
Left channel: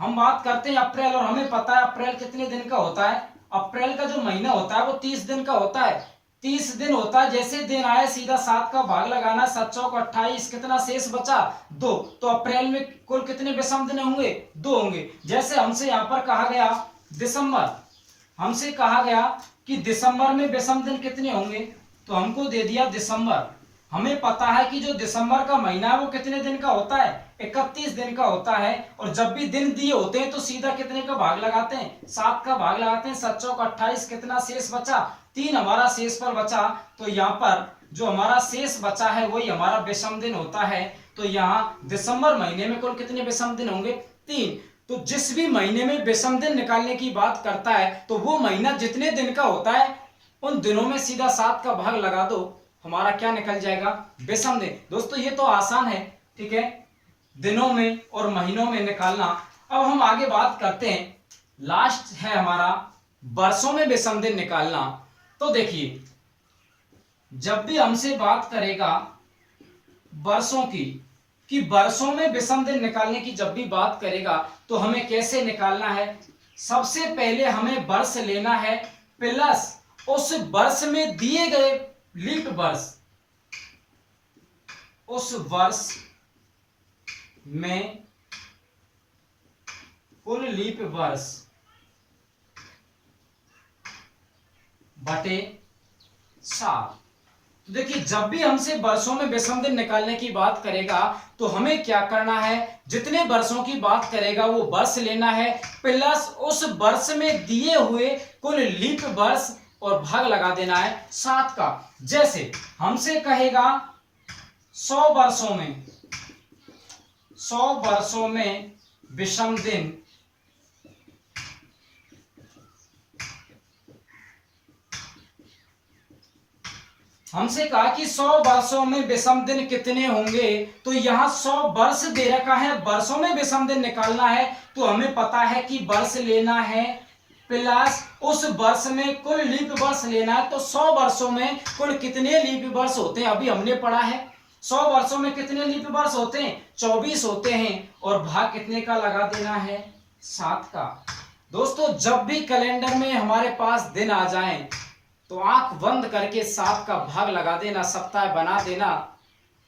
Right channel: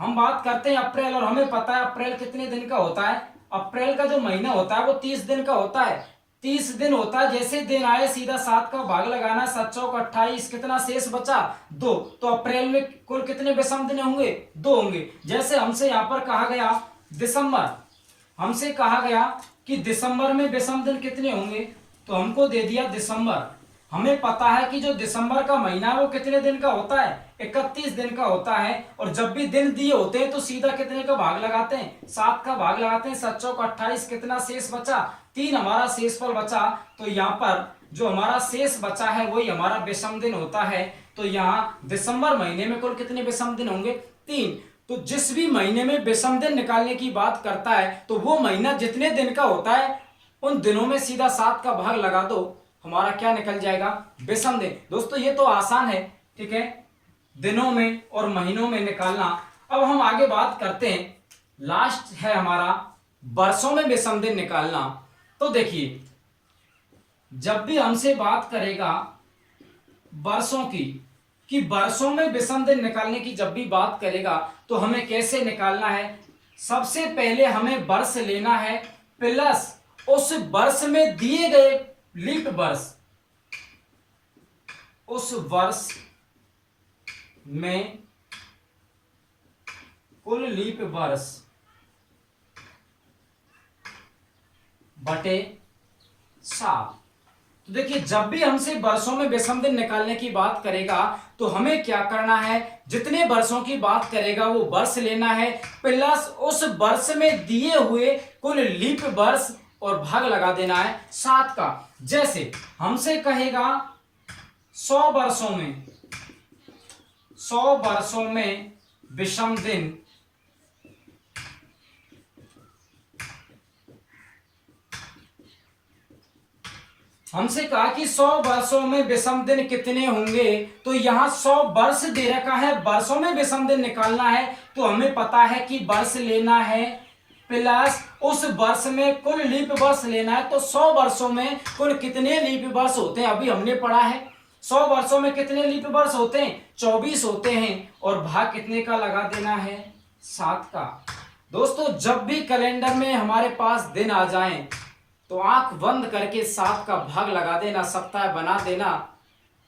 हम बात करते हैं अप्रैल, और हमें पता है अप्रैल कितने दिन का होता है? अप्रैल का जो महीना होता है वो 30 दिन का होता है, 30 दिन होता है। जैसे दिन आए सीधा 7 का भाग लगाना, 7 चौक 28, कितना शेष बचा? 2। तो अप्रैल में कुल कितने विषम दिन होंगे? 2 होंगे। जैसे हमसे यहाँ पर कहा गया दिसंबर, हमसे कहा गया कि दिसंबर में विषम दिन कितने होंगे, तो हमको दे दिया दिसंबर। हमें पता है कि जो दिसंबर का महीना है वो कितने दिन का होता है? 31 दिन का होता है। और जब भी दिन दिए होते हैं तो सीधा कितने का भाग लगाते हैं? 7 का भाग लगाते हैं, 7 चौक 28, कितना शेष बचा? 3 हमारा शेषफल बचा। तो यहाँ पर जो हमारा शेष बचा है वही हमारा विषम दिन होता है। तो यहाँ दिसंबर महीने में कुल कितने विषम दिन होंगे? 3। तो जिस भी महीने में विषम दिन निकालने की बात करता है तो वो महीना जितने दिन का होता है उन दिनों में सीधा 7 का भाग लगा दो, हमारा क्या निकल जाएगा? विषम दिन। दोस्तों ये तो आसान है, ठीक है, दिनों में और महीनों में निकालना। अब हम आगे बात करते हैं, लास्ट है हमारा वर्षों में विषम दिन निकालना। तो देखिए, जब भी हमसे बात करेगा वर्षों की, कि वर्षों में विषम दिन निकालने की जब भी बात करेगा तो हमें कैसे निकालना है? सबसे पहले हमें वर्ष लेना है प्लस उस वर्ष में दिए गए लीप वर्ष, उस वर्ष में कुल लीप वर्ष बटे 7। तो देखिए, जब भी हमसे वर्षों में विषम दिन निकालने की बात करेगा तो हमें क्या करना है? जितने वर्षों की बात करेगा वो वर्ष लेना है प्लस उस वर्ष में दिए हुए कुल लीप वर्ष और भाग लगा देना है 7 का। जैसे हमसे कहेगा 100 वर्षों में, 100 वर्षों में विषम दिन हमसे कहा कि 100 वर्षों में विषम दिन कितने होंगे, तो यहां 100 वर्ष दे रखा है, वर्षों में विषम दिन निकालना है तो हमें पता है कि वर्ष लेना है प्लस उस वर्ष में कुल लीप वर्ष लेना है। तो 100 वर्षों में कुल कितने लीप वर्ष होते हैं अभी हमने पढ़ा है। 100 वर्षों में कितने लीप वर्ष होते हैं? 24 होते हैं। और भाग कितने का लगा देना है? 7 का। दोस्तों जब भी कैलेंडर में हमारे पास दिन आ जाएं तो आंख बंद करके 7 का भाग लगा देना, सप्ताह बना देना,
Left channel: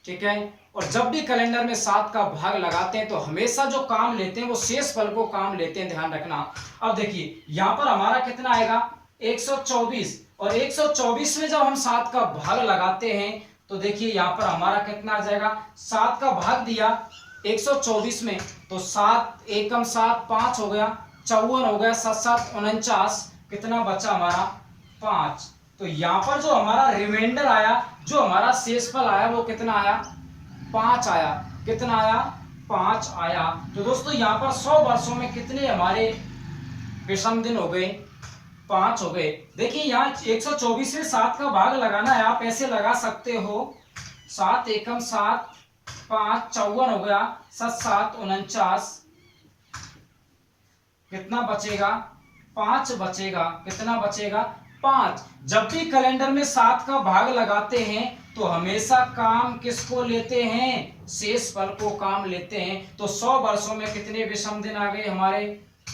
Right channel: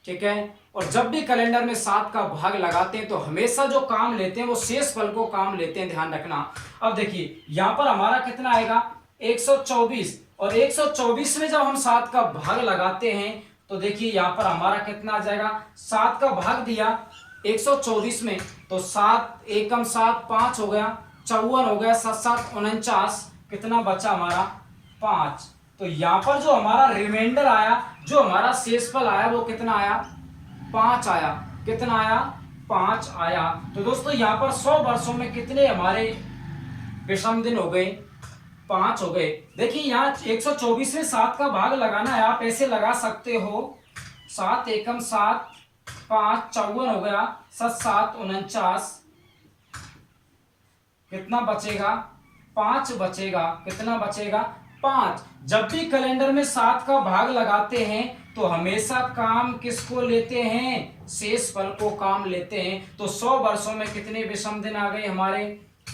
ठीक है। और जब भी कैलेंडर में 7 का भाग लगाते हैं तो हमेशा जो काम लेते हैं वो शेष फल को काम लेते हैं, ध्यान रखना। अब देखिए यहाँ पर हमारा कितना आएगा? 124। और 124 में जब हम 7 का भाग लगाते हैं तो देखिए यहाँ पर हमारा कितना आ जाएगा? 7 का भाग दिया 124 में तो 7 एकम 7 5 हो गया, 54 हो गया, 7 7 49, कितना बचा हमारा? 5। तो यहाँ पर जो हमारा रिमाइंडर आया, जो हमारा शेषफल आया वो कितना आया? 5 आया। कितना आया? 5 आया। तो दोस्तों यहाँ पर 100 वर्षों में कितने हमारे विषम दिन हो गए? 5 हो गए। देखिए यहाँ 124 में 7 का भाग लगाना है, आप ऐसे लगा सकते हो, 7 एकम 7 5 54 हो गया, 7 7 49, कितना बचेगा? 5 बचेगा। कितना बचेगा? 5। जब भी कैलेंडर में 7 का भाग लगाते हैं तो हमेशा काम किसको लेते हैं? शेषफल को काम लेते हैं। तो 100 वर्षों में कितने विषम दिन आ गए हमारे?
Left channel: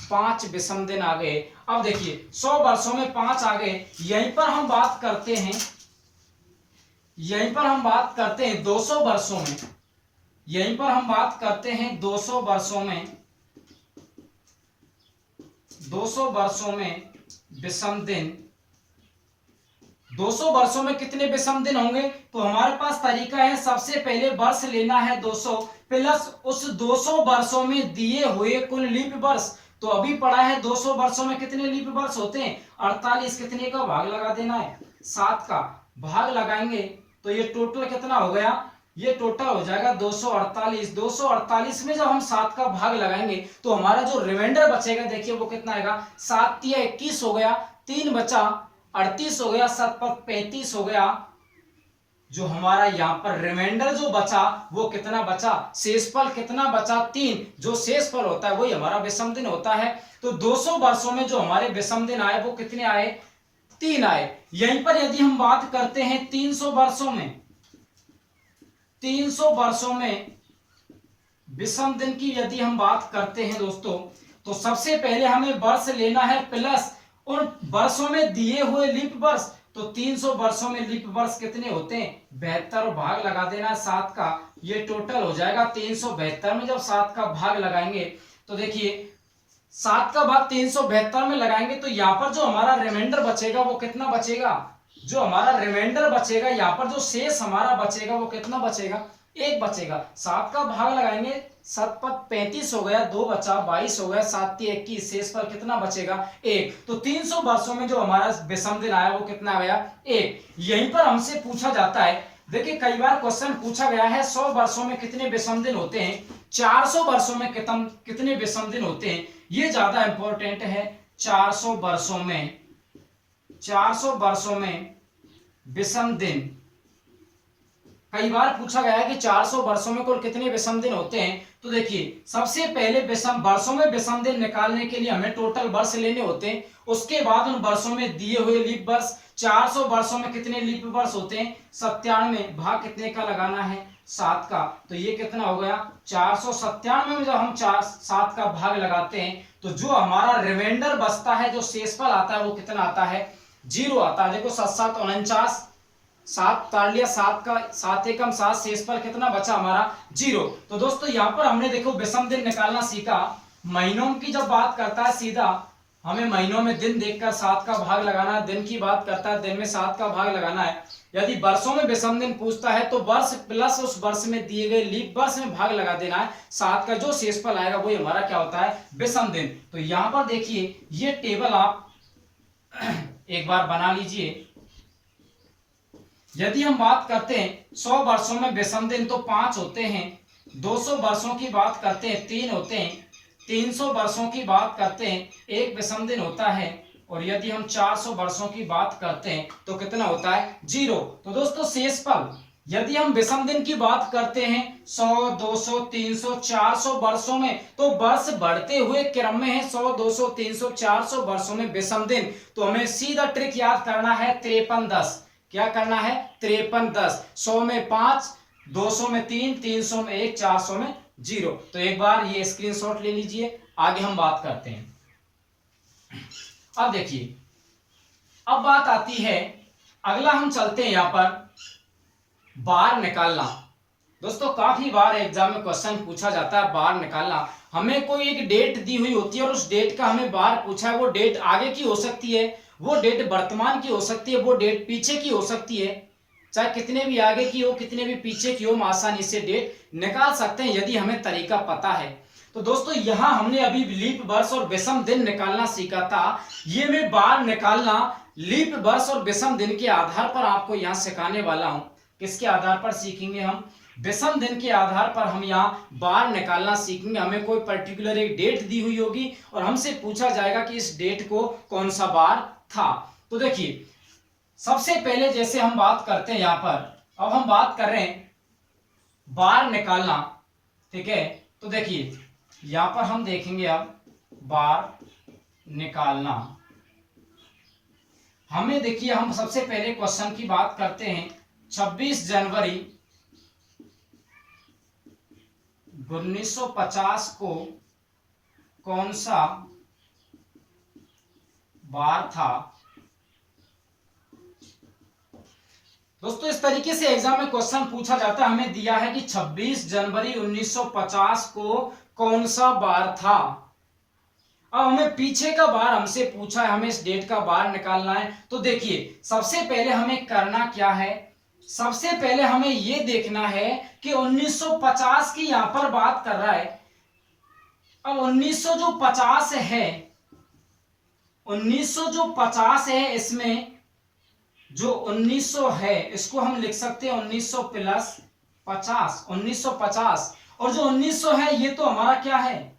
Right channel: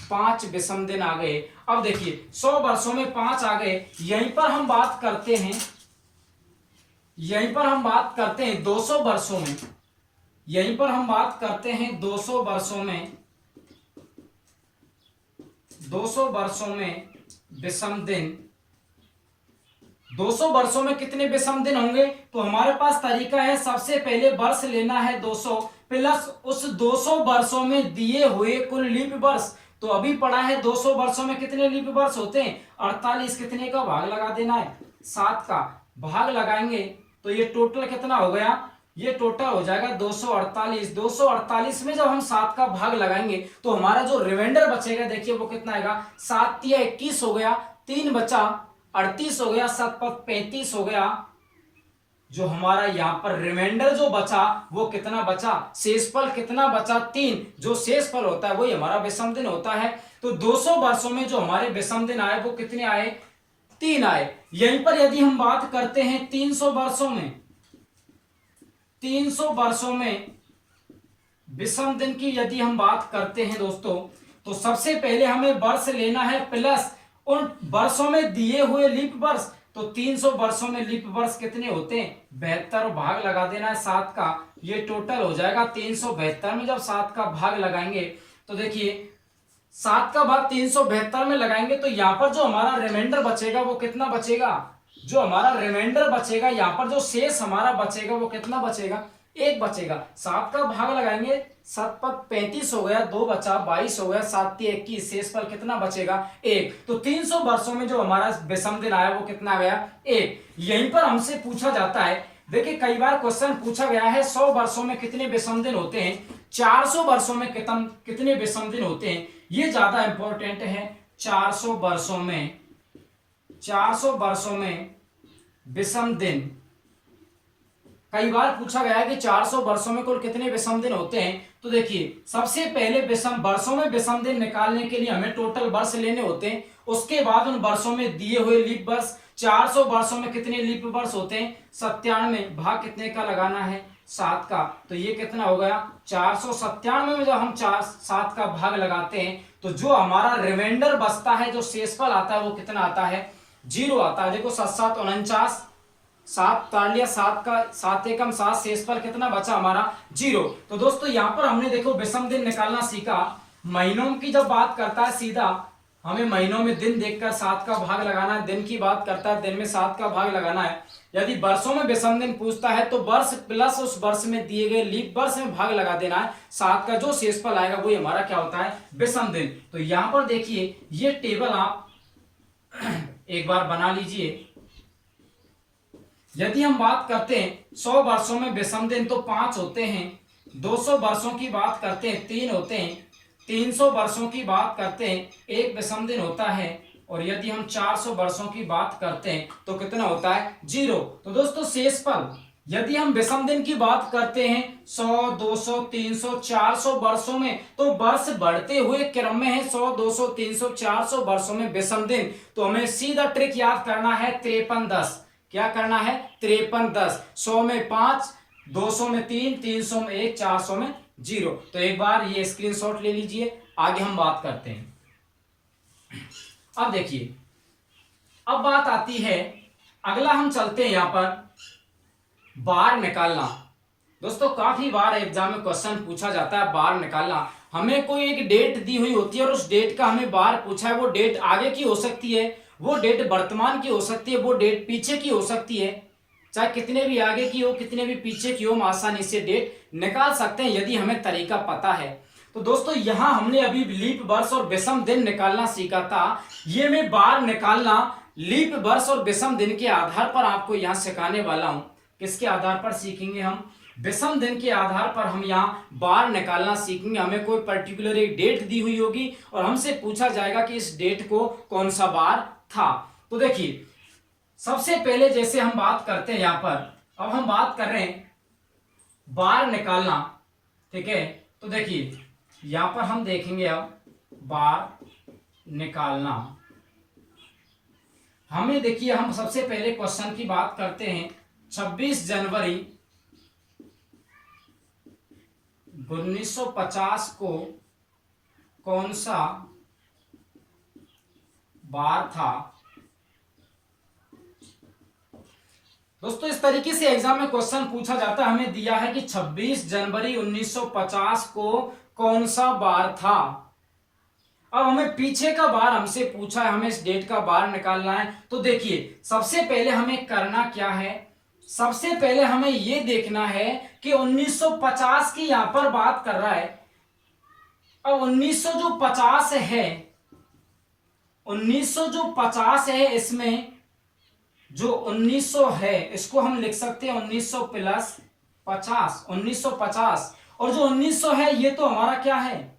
5 विषम दिन आ गए। अब देखिए 100 वर्षों में 5 आ गए। यहीं पर हम बात करते हैं यहीं पर हम बात करते हैं 200 वर्षों में, यहीं पर हम बात करते हैं 200 वर्षों में, 200 वर्षों में विषम दिन, 200 वर्षों में कितने विषम दिन होंगे? तो हमारे पास तरीका है, सबसे पहले वर्ष लेना है 200 प्लस उस 200 वर्षों में दिए हुए कुल लीप वर्ष। तो अभी पढ़ा है 200 वर्षों में कितने लीप वर्ष होते हैं? 48। कितने का भाग लगा देना है? 7 का भाग लगाएंगे तो ये टोटल कितना हो गया? ये टोटल हो जाएगा 248। 248 में जब हम 7 का भाग लगाएंगे तो हमारा जो रिमाइंडर बचेगा, देखिए वो कितना आएगा? 7 या 21 हो गया, 3 बचा 38 हो गया, 7 पर 35 हो गया। जो हमारा यहाँ पर रिमाइंडर जो बचा वो कितना बचा? शेषफल कितना बचा? 3। जो शेषफल होता है वही हमारा विषम दिन होता है। तो 200 वर्षों में जो हमारे विषम दिन आए वो कितने आए? 3 आए। यहीं पर यदि हम बात करते हैं 300 वर्षों में, 300 वर्षों में विषम दिन की यदि हम बात करते हैं दोस्तों, तो सबसे पहले हमें वर्ष लेना है प्लस उन वर्षों में दिए हुए लीप वर्ष। तो 300 वर्षों में लीप वर्ष कितने होते हैं? 72। भाग लगा देना है 7 का, ये टोटल हो जाएगा 372 में जब 7 का भाग लगाएंगे तो देखिए 7 का भाग 372 में लगाएंगे तो यहाँ पर जो हमारा रिमाइंडर बचेगा वो कितना बचेगा? जो हमारा रिमाइंडर बचेगा, यहाँ पर जो शेष हमारा बचेगा वो कितना बचेगा? 1 बचेगा। 7 का भाग लगाएंगे, 7 पर 35 हो गया, 2 बचा 22 हो गया, 7 21, शेष पर कितना बचेगा? 1। तो 300 वर्षों में जो हमारा विषम दिन आया वो कितना आ गया? 1। यहीं पर हमसे पूछा जाता है, देखिए कई बार क्वेश्चन पूछा गया है 100 वर्षों में कितने विषम दिन होते हैं, 400 वर्षों में कितने विषम दिन होते हैं, ये ज्यादा इंपॉर्टेंट है। 400 वर्षों में, 400 वर्षों में विषम दिन, कई बार पूछा गया है कि 400 वर्षों में कुल कितने विषम दिन होते हैं। तो देखिए सबसे पहले विषम वर्षों में विषम दिन निकालने के लिए हमें टोटल वर्ष लेने होते हैं, उसके बाद उन वर्षों में दिए हुए लीप वर्ष। 400 वर्षों में कितने लीप वर्ष होते हैं? 97। भाग कितने का लगाना है? 7 का। तो ये कितना हो गया? 497 में जब हम 7 का भाग लगाते हैं तो जो हमारा रिमाइंडर बचता है, जो शेषफल आता है वो कितना आता है? 0 आता है। देखो 7 7 49, 7 तार लिया, 7 का 7 एकम 7, शेषफल कितना बचा हमारा? 0। तो दोस्तों यहाँ पर हमने देखो विषम दिन निकालना सीखा। महीनों की जब बात करता है सीधा हमें महीनों में दिन देखकर 7 का भाग लगाना है, दिन की बात करता है दिन में 7 का भाग लगाना है। यदि वर्षों में विषम दिन पूछता है तो वर्ष प्लस उस वर्ष में दिए गए लीप वर्ष में भाग लगा देना है। 7 का जो शेषफल आएगा वही हमारा क्या होता है? विषम दिन। तो यहाँ पर देखिए ये टेबल आप एक बार बना लीजिए। यदि हम बात करते हैं 100 वर्षों में विषम दिन तो 5 होते हैं, 200 वर्षों की बात करते हैं 3 होते हैं, 300 वर्षों की बात करते हैं 1 विषम दिन होता है, और यदि हम 400 वर्षों की बात करते हैं तो कितना होता है? 0। तो दोस्तों शेषफल यदि हम विषम दिन की बात करते हैं 100 200 300 400 वर्षों में, तो वर्ष बढ़ते हुए क्रम में है 100 200 300 400 वर्षों में विषम दिन। तो हमें सीधा ट्रिक याद करना है 53 10। क्या करना है? 53 10। 100 में 5, 200 में 3, 300 में 1, 400 में 0। तो एक बार ये स्क्रीनशॉट ले लीजिए, आगे हम बात करते हैं। अब देखिए अब बात आती है, अगला हम चलते हैं यहां पर बार निकालना। दोस्तों काफी बार एग्जाम में क्वेश्चन पूछा जाता है बार निकालना। हमें कोई एक डेट दी हुई होती है और उस डेट का हमें बार पूछा है। वो डेट आगे की हो सकती है, वो डेट वर्तमान की हो सकती है, वो डेट पीछे की हो सकती है। चाहे कितने भी आगे की हो कितने भी पीछे की हो, हम आसानी से डेट निकाल सकते हैं यदि हमें तरीका पता है। तो दोस्तों यहां हमने अभी लीप वर्ष और विषम दिन निकालना सीखा था। ये मैं बार निकालना लीप वर्ष और विषम दिन के आधार पर आपको यहां सिखाने वाला हूं। किसके आधार पर सीखेंगे हम? विषम दिन के आधार पर हम यहाँ बार निकालना सीखेंगे। हमें कोई पर्टिकुलर एक डेट दी हुई होगी और हमसे पूछा जाएगा कि इस डेट को कौन सा बार था। तो देखिए सबसे पहले जैसे हम बात करते हैं यहाँ पर, अब हम बात कर रहे हैं बार निकालना, ठीक है। तो देखिए यहाँ पर हम देखेंगे अब बार निकालना। हमें देखिए हम सबसे पहले क्वेश्चन की बात करते हैं। 26 जनवरी 1950 को कौन सा बार था? दोस्तों इस तरीके से एग्जाम में क्वेश्चन पूछा जाता है। हमें दिया है कि 26 जनवरी 1950 को कौन सा बार था। अब हमें पीछे का बार हमसे पूछा है, हमें इस डेट का बार निकालना है। तो देखिए सबसे पहले हमें करना क्या है, सबसे पहले हमें यह देखना है कि 1950 की यहां पर बात कर रहा है। अब 1900 जो 50 है, 1900 जो 50 है, इसमें जो 1900 है इसको हम लिख सकते हैं 1900 प्लस 50, 1950। और जो 1900 है ये तो हमारा क्या है,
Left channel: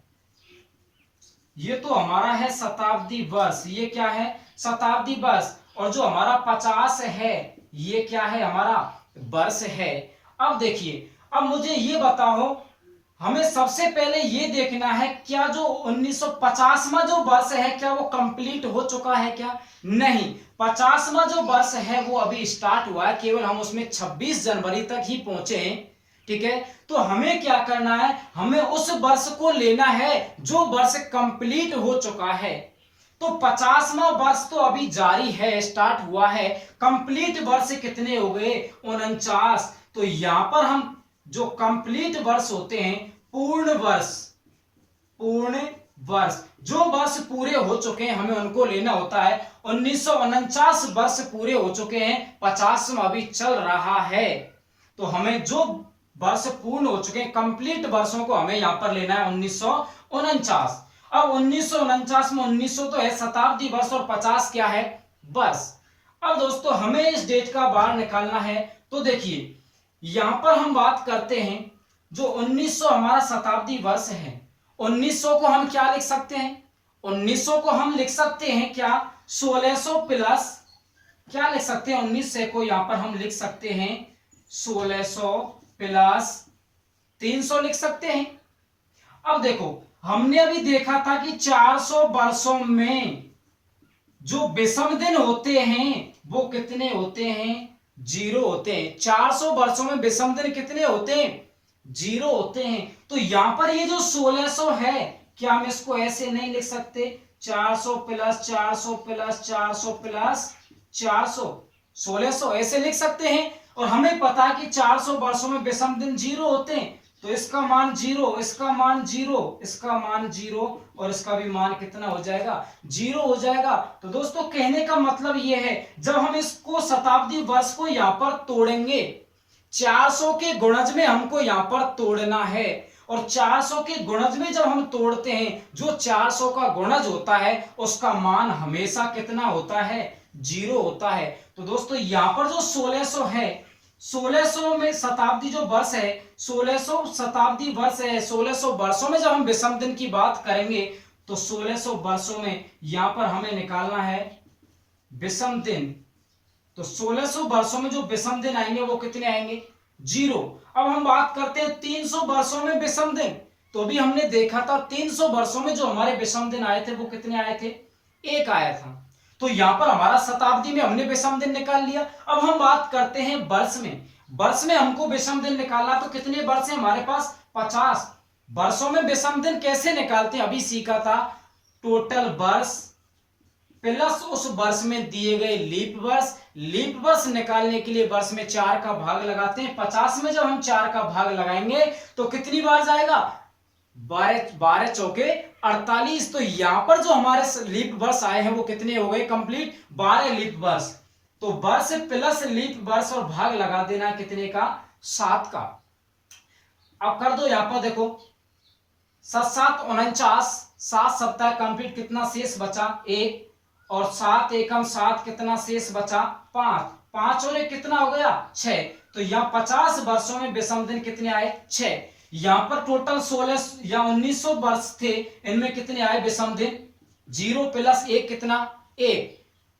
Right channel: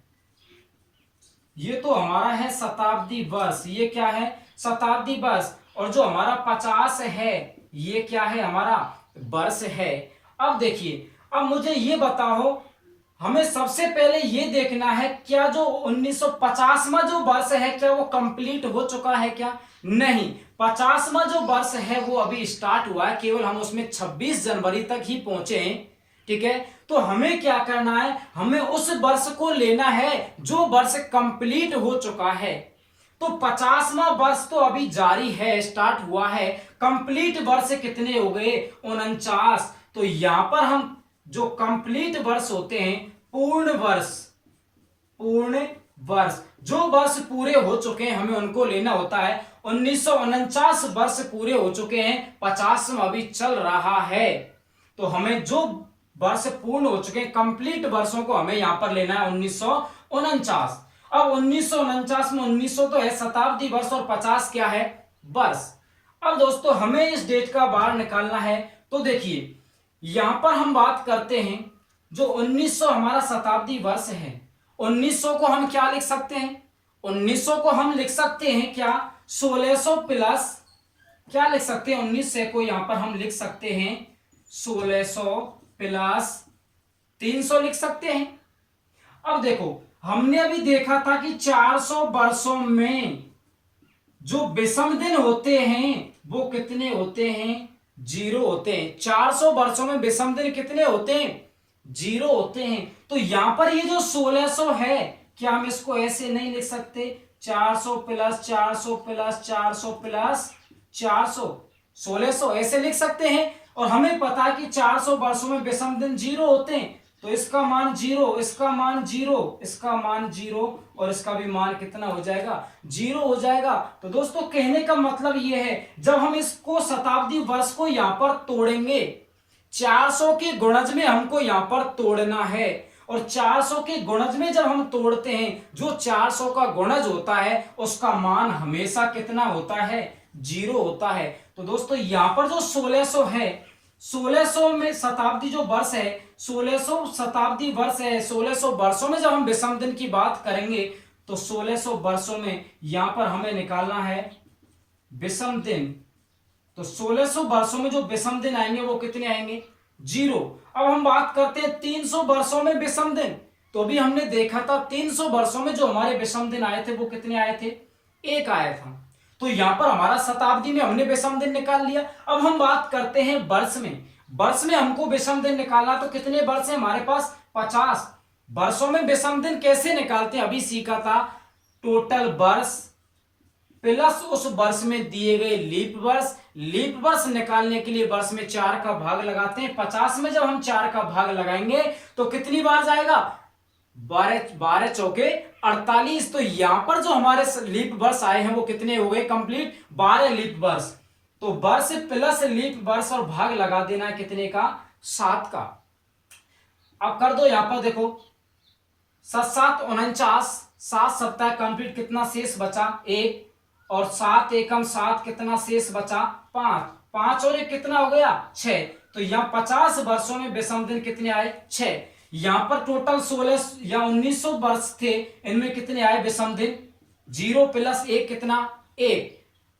ये तो हमारा है शताब्दी वर्ष, ये क्या है शताब्दी वर्ष। और जो हमारा 50 है ये क्या है, हमारा वर्ष है। अब देखिए, अब मुझे ये बताओ, हमें सबसे पहले ये देखना है क्या जो 1950वां जो वर्ष है क्या वो कंप्लीट हो चुका है क्या, नहीं। 50वां जो वर्ष है वो अभी स्टार्ट हुआ है, केवल हम उसमें 26 जनवरी तक ही पहुंचे हैं, ठीक है। तो हमें क्या करना है, हमें उस वर्ष को लेना है जो वर्ष कंप्लीट हो चुका है। तो 50वां वर्ष तो अभी जारी है, स्टार्ट हुआ है। कंप्लीट वर्ष कितने हो गए, 49। तो यहां पर हम जो कंप्लीट वर्ष होते हैं, पूर्ण वर्ष, पूर्ण वर्ष, जो वर्ष पूरे हो चुके हैं हमें उनको लेना होता है। 1949 वर्ष पूरे हो चुके हैं, 50वां अभी चल रहा है। तो हमें जो वर्ष पूर्ण हो चुके हैं, कंप्लीट वर्षों को हमें यहां पर लेना है 1949। अब 1949 में 1900 तो है शताब्दी वर्ष और 50 क्या है, वर्ष। अब दोस्तों हमें इस डेट का बार निकालना है। तो देखिए यहां पर हम बात करते हैं, जो 1900 हमारा शताब्दी वर्ष है, 1900 को हम क्या लिख सकते हैं, 1900 को हम लिख सकते हैं क्या 1600 प्लस, क्या लिख सकते हैं 1900 को यहां पर हम लिख सकते हैं 1600 प्लस 300 लिख सकते हैं। अब देखो हमने अभी देखा था कि 400 वर्षों में जो विषम दिन होते हैं वो कितने होते हैं, 0 होते हैं। 400 वर्षों में विषम दिन कितने होते हैं, 0 होते हैं। तो यहां पर ये जो 1600 है, क्या हम इसको ऐसे नहीं लिख सकते, 400 प्लस 400 प्लस 400 प्लस 400, 1600 ऐसे लिख सकते हैं। और हमें पता है कि 400 वर्षों में विषम दिन 0 होते हैं, तो इसका मान 0, इसका मान 0, इसका मान 0 और इसका भी मान कितना हो जाएगा, 0 हो जाएगा। तो दोस्तों कहने का मतलब यह है, जब हम इसको शताब्दी वर्ष को यहां पर तोड़ेंगे, 400 के गुणज में हमको यहां पर तोड़ना है। और 400 के गुणज में जब हम तोड़ते हैं, जो 400 का गुणज होता है उसका मान हमेशा कितना होता है, 0 होता है। तो दोस्तों यहां पर जो 1600 है, 1600 में शताब्दी जो वर्ष है, 1600 शताब्दी वर्ष है, 1600 वर्षों में जब हम विषम दिन की बात करेंगे तो 1600 वर्षों में यहां पर हमें निकालना है विषम दिन। तो 1600 वर्षों में जो विषम दिन आएंगे वो कितने आएंगे, 0। अब हम बात करते हैं 300 वर्षों में विषम दिन। तो भी हमने देखा था 300 वर्षों में जो हमारे विषम दिन आए थे वो कितने आए थे, 1 आया था। तो यहां पर हमारा शताब्दी में हमने विषम दिन निकाल लिया। अब हम बात करते हैं वर्ष में, वर्ष में हमको विषम दिन निकालना। तो कितने वर्ष है हमारे पास, 50 वर्षों में विषम दिन कैसे निकालते हैं अभी सीखा था, टोटल वर्ष प्लस उस वर्ष में दिए गए लीप वर्ष। लीप वर्ष निकालने के लिए वर्ष में 4 का भाग लगाते हैं। 50 में जब हम 4 का भाग लगाएंगे तो कितनी बार जाएगा, 12 चौके 48। तो यहां पर जो हमारे लीप वर्ष आए हैं वो कितने हो गए, कंप्लीट 12 लीप वर्ष। तो वर्ष प्लस लीप वर्ष और भाग लगा देना है कितने का, 7 का। अब कर दो यहां पर देखो, 7 49, 7 सप्ताह कंप्लीट, कितना शेष बचा 1, और 7 एकम 7, कितना शेष बचा 5, 5 और 1 कितना हो गया 6। तो यहाँ 50 वर्षों में विषम दिन कितने आए, 6। यहां पर टोटल 16 या 1900 वर्ष थे, इनमें कितने आए विषम दिन, 0 प्लस 1 कितना 1,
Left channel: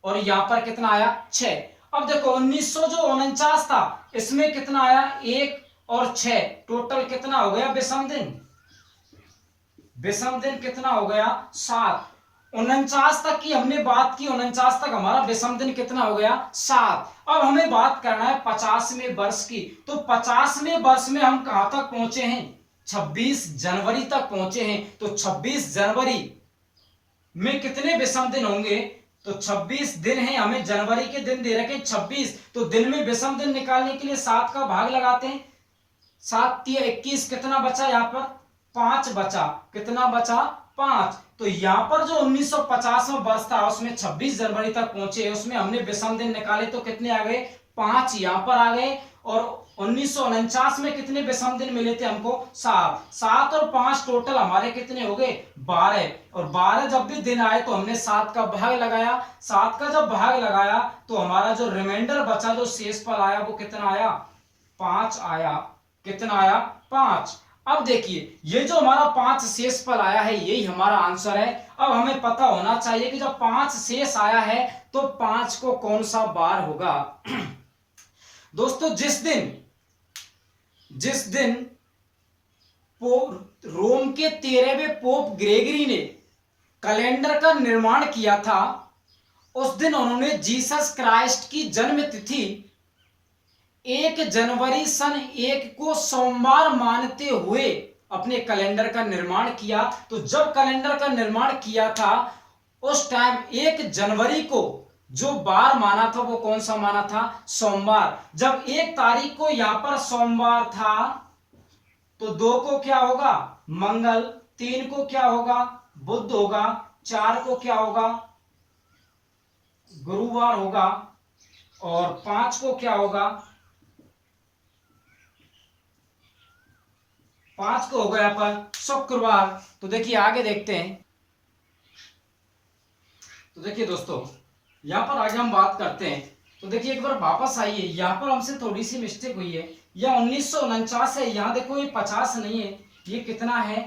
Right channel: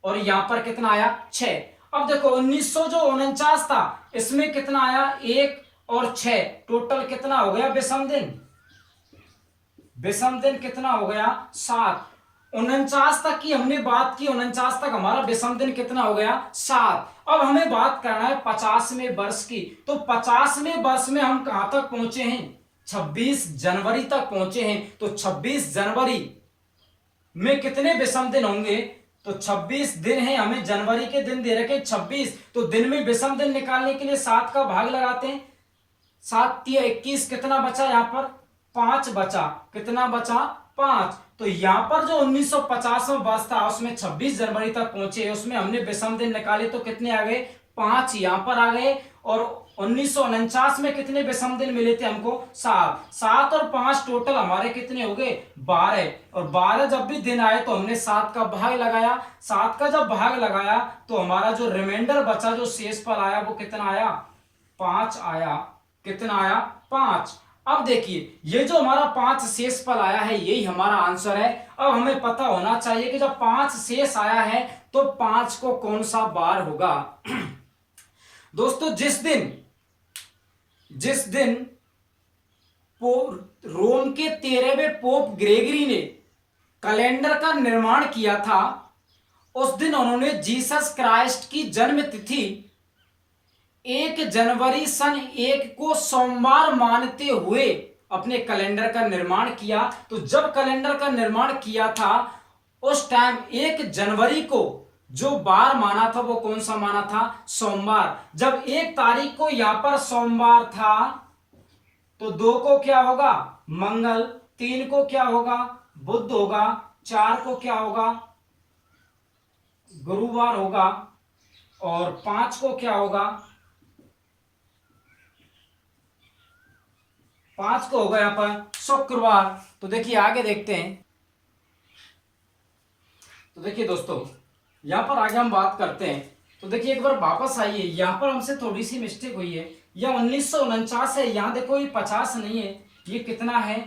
और यहां पर कितना आया 6। अब देखो 1900 जो 49 था इसमें कितना आया 1 और 6, टोटल कितना हो गया विषम दिन, विषम दिन कितना हो गया 7। 49 तक की हमने बात की, 49 तक हमारा विषम दिन कितना हो गया 7। अब हमें बात करना है 50वें वर्ष की। तो 50वें वर्ष में हम कहां तक पहुंचे हैं, 26 जनवरी तक पहुंचे हैं। तो 26 जनवरी में कितने विषम दिन होंगे, तो 26 दिन है, हमें जनवरी के दिन दे रखे 26, तो दिन में विषम दिन निकालने के लिए 7 का भाग लगाते हैं। 7 तिया 21, कितना बचा यहाँ पर 5 बचा, कितना बचा 5। तो यहाँ पर जो 1950 में वर्ष था उसमें 26 जनवरी तक पहुंचे, उसमें हमने विषम दिन निकाले तो कितने आ गए 5 यहाँ पर आ गए। और 1949 में कितने विषम दिन मिले थे हमको 7, 7 और 5 टोटल हमारे कितने हो गए 12। और 12 जब भी दिन आए तो हमने 7 का भाग लगाया, 7 का जब भाग लगाया तो हमारा जो रिमाइंडर बचा, जो शेषफल आया वो कितना आया 5 आया, कितना आया 5। अब देखिए ये जो हमारा 5 शेषफल आया है यही हमारा आंसर है। अब हमें पता होना चाहिए कि जब 5 शेष आया है तो 5 को कौन सा बार होगा। दोस्तों जिस दिन रोम के 13वें पोप ग्रेगरी ने कैलेंडर का निर्माण किया था, उस दिन उन्होंने जीसस क्राइस्ट की जन्म तिथि 1 जनवरी सन 1 को सोमवार मानते हुए अपने कैलेंडर का निर्माण किया। तो जब कैलेंडर का निर्माण किया था उस टाइम 1 जनवरी को जो बार माना था वो कौन सा माना था सोमवार। जब 1 तारीख को यहां पर सोमवार था तो 2 को क्या होगा मंगल, 3 को क्या होगा बुध होगा, 4 को क्या होगा गुरुवार होगा और 5 को क्या होगा 5 को होगा यहां पर शुक्रवार। तो देखिए आगे देखते हैं। तो देखिए दोस्तों यहां पर आगे हम बात करते हैं। तो देखिए एक बार वापस आइए, यहां पर हमसे थोड़ी सी मिस्टेक हुई है, यह 1949 है, यहां देखो ये 50 नहीं है, ये कितना है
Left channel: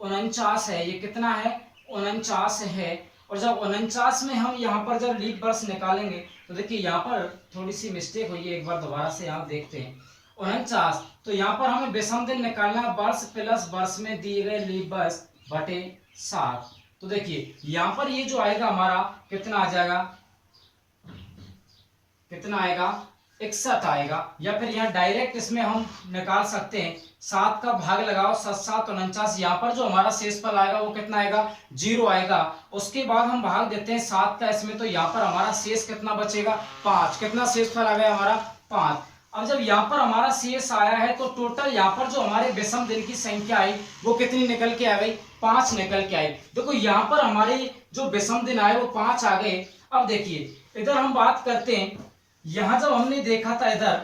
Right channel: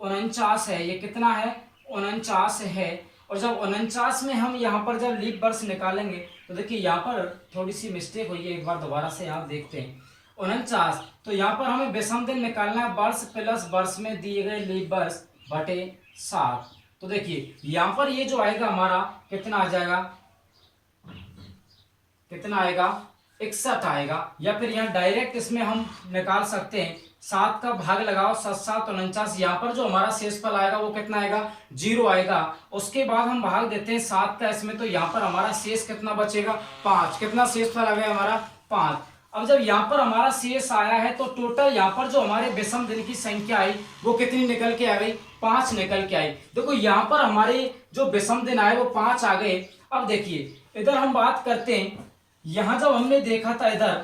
49 है, ये कितना है 49 है। और जब 49 में हम यहाँ पर जब लीप वर्ष निकालेंगे तो देखिए यहाँ पर थोड़ी सी मिस्टेक हुई है, एक बार दोबारा से आप देखते हैं 49। तो यहाँ पर हमें विषम दिन निकालना है, वर्ष प्लस वर्ष में दिए गए लीप वर्ष बटे 7। तो देखिए यहां पर ये जो आएगा हमारा कितना आ जाएगा, कितना आएगा 61 आएगा। या फिर यहाँ डायरेक्ट इसमें हम निकाल सकते हैं 7 का भाग लगाओ 7 7 49, यहाँ पर जो हमारा शेषफल आएगा वो कितना आएगा 0 आएगा। उसके बाद हम भाग देते हैं 7 का इसमें, तो यहाँ पर हमारा शेष कितना बचेगा 5। कितना शेषफल आ गया हमारा 5। अब जब यहाँ पर हमारा शेष आया है तो टोटल यहाँ पर जो हमारे विषम दिन की संख्या आई वो कितनी निकल के आ गई 5 निकल के आई। देखो यहाँ पर हमारे जो विषम दिन आए वो 5 आ गए। अब देखिए इधर हम बात करते हैं, यहाँ जब हमने देखा था इधर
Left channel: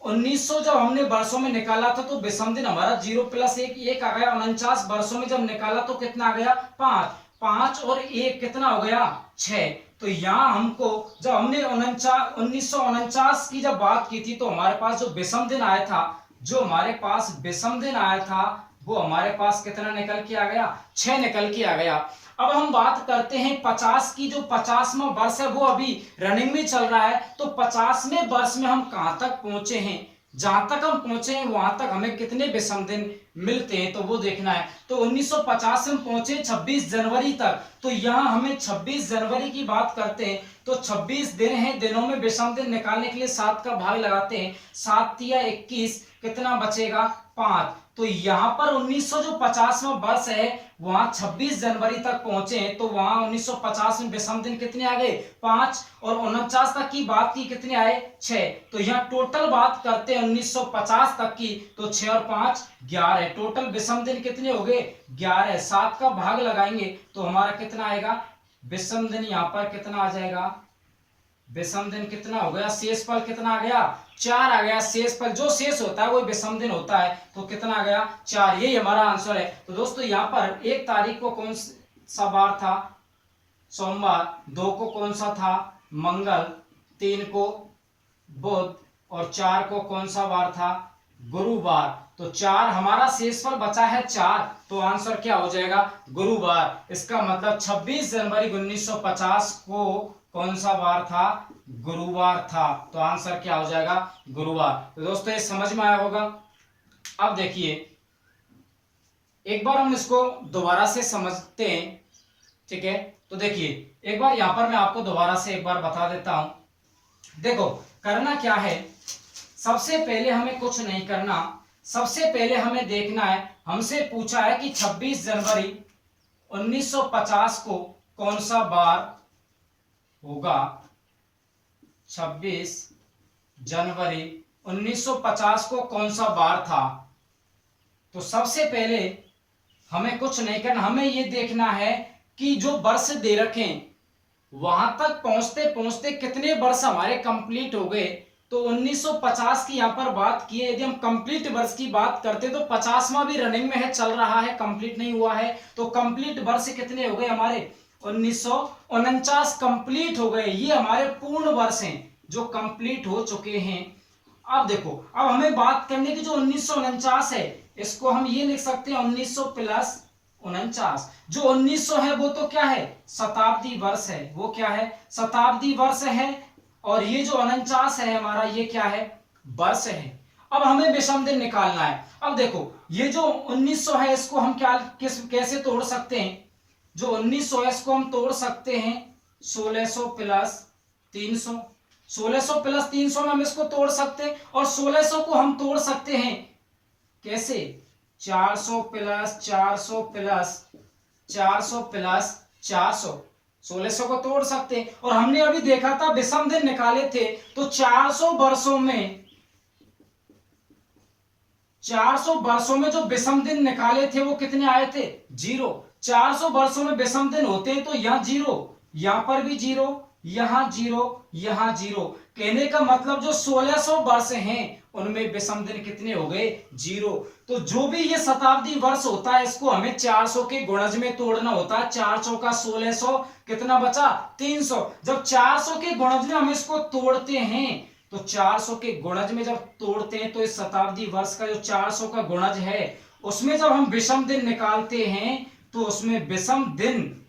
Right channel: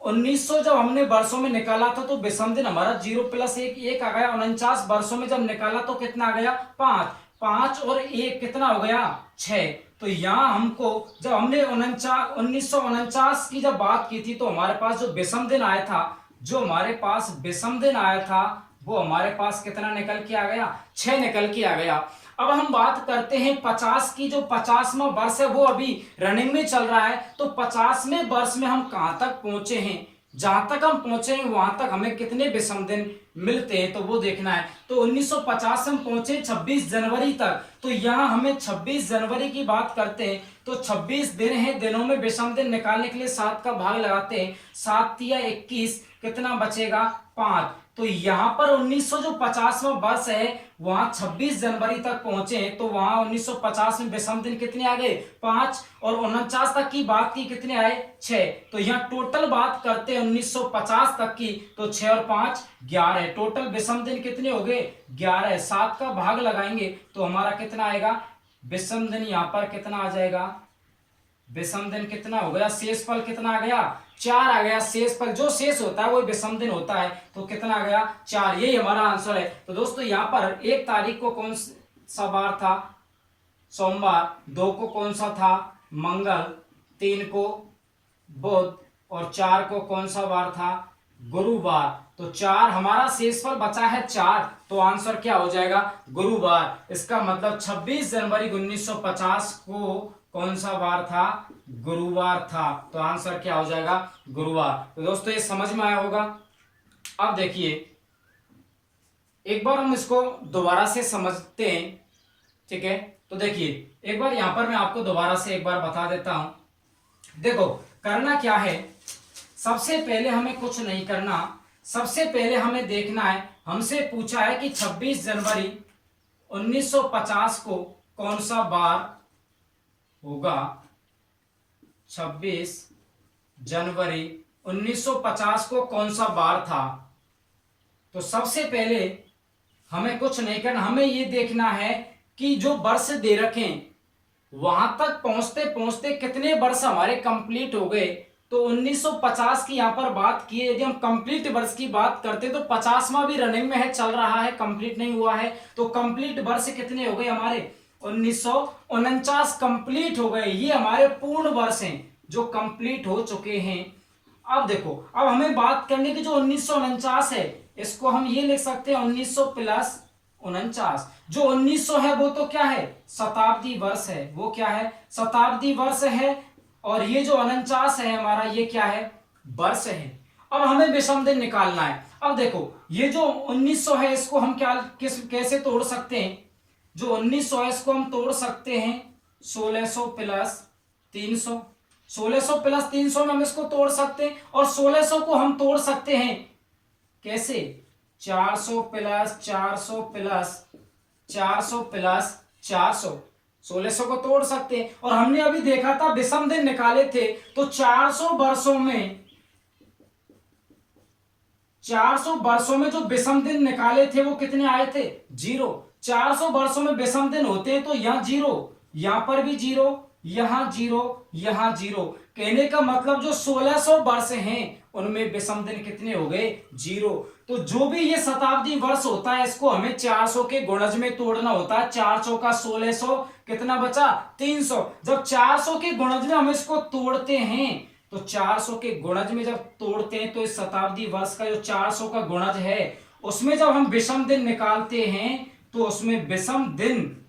1900 जब हमने वर्षों में निकाला था तो विषम दिन हमारा 0 + 1 आ गया। 49 वर्षों में जब निकाला तो कितना आ गया 5, 5 और 1 कितना हो गया 6। तो यहाँ हमको जब हमने 1949 की जब बात की थी तो हमारे पास जो विषम दिन आया था, जो हमारे पास विषम दिन आया था वो हमारे पास कितना निकल के आ गया 6 निकल के आ गया। अब हम बात करते हैं 50 की, जो 50वां वर्ष है वो अभी रनिंग में चल रहा है। तो 50वें वर्ष में हम कहां तक पहुंचे हैं, जहां तक हम पहुंचे हैं वहां तक हमें कितने विषम दिन मिलते हैं तो वो देखना है। तो 1950 में हम पहुंचे 26 जनवरी तक, तो यहां हमें 26 जनवरी की बात करते हैं तो 26 दिन हैं, दिनों में विषम दिन निकालने के लिए 7 का भाग लगाते हैं, 7 तिया 21, कितना बचेगा 5। तो यहाँ पर 1950वां वर्ष है वहां 26 जनवरी तक पहुंचे हैं, तो वहां 1950 में विषम दिन कितने आ गए 5 और 49 तक की बात की कितने आए 6। तो यहाँ टोटल बात करते हैं 1950 तक की तो 6 और 5 11, टोटल विषम दिन कितने हो गए 11। 7 का भाग लगाएंगे तो हमारा कितना आएगा विषम दिन, यहाँ पर कितना आ जाएगा विषम दिन कितना हो गया, शेषफल कितना आ गया 4 आ गया। शेषफल जो शेष होता है वो विषम दिन होता है, तो कितना आ गया 4, यही हमारा आंसर है। तो दोस्तों यहाँ पर 1 तारीख को कौन सा बार था सोमवार, 2 को कौन सा था मंगल, 3 को बुध और 4 को कौन सा बार था गुरुवार। तो 4 हमारा शेषफल बचा है 4, तो आंसर क्या हो जाएगा गुरुवार। इसका मतलब 26 जनवरी 1950 को कौन सा बार था गुरुवार था, तो आंसर क्या हो जाएगा गुरुवार। तो दोस्तों ये समझ में आया होगा। अब देखिए एक बार हम इसको दोबारा से समझते हैं, ठीक है। तो देखिए एक बार यहां पर मैं आपको दोबारा से एक बार बता देता हूं। देखो करना क्या है, सबसे पहले हमें कुछ नहीं करना, सबसे पहले हमें देखना है, हमसे पूछा है कि 26 जनवरी 1950 को कौन सा बार होगा 26 जनवरी 1950 को कौन सा बार था? तो सबसे पहले हमें कुछ नहीं करना, हमें ये देखना है कि जो वर्ष दे रखें वहां तक पहुंचते पहुंचते कितने वर्ष हमारे कंप्लीट हो गए। तो 1950 की यहां पर बात की है, यदि हम कंप्लीट वर्ष की बात करते तो 50वां भी रनिंग में है, चल रहा है, कंप्लीट नहीं हुआ है। तो कंप्लीट वर्ष कितने हो गए हमारे? 1949 कंप्लीट हो गए। ये हमारे पूर्ण वर्ष हैं जो कंप्लीट हो चुके हैं। अब देखो, अब हमें बात करने की जो 1949 है, इसको हम ये लिख सकते हैं 1900 प्लस 49। जो 1900 है वो तो क्या है? शताब्दी वर्ष है। वो क्या है? शताब्दी वर्ष है। और ये जो 49 है हमारा, ये क्या है? वर्ष है। अब हमें विषम दिन निकालना है। अब देखो, ये जो 1900 है इसको हम कैसे तोड़ सकते हैं? जो 1900 है इसको हम तोड़ सकते हैं 1600 प्लस 300। 1600 प्लस 300 में हम इसको तोड़ सकते हैं। और 1600 को हम तोड़ सकते हैं कैसे? 400 प्लस 400 प्लस 400 प्लस 400। 1600 को तोड़ सकते हैं। और हमने अभी देखा था विषम दिन निकाले थे, तो 400 वर्षों में जो विषम दिन निकाले थे वो कितने आए थे? 0। 400 वर्षों में विषम दिन होते हैं तो यहाँ 0, यहां पर भी 0, यहां 0, यहां 0। कहने का मतलब जो 1600 वर्ष हैं उनमें विषम दिन कितने हो गए? 0। तो जो भी ये शताब्दी वर्ष होता है इसको हमें 400 के गुणज में तोड़ना होता है। 400 का 1600 कितना बचा? 300। जब 400 के गुणज में हम इसको तोड़ते हैं तो 400 के गुणज में जब तोड़ते हैं तो इस शताब्दी वर्ष का जो 400 का गुणज है उसमें जब हम विषम दिन निकालते हैं तो उसमें विषम दिन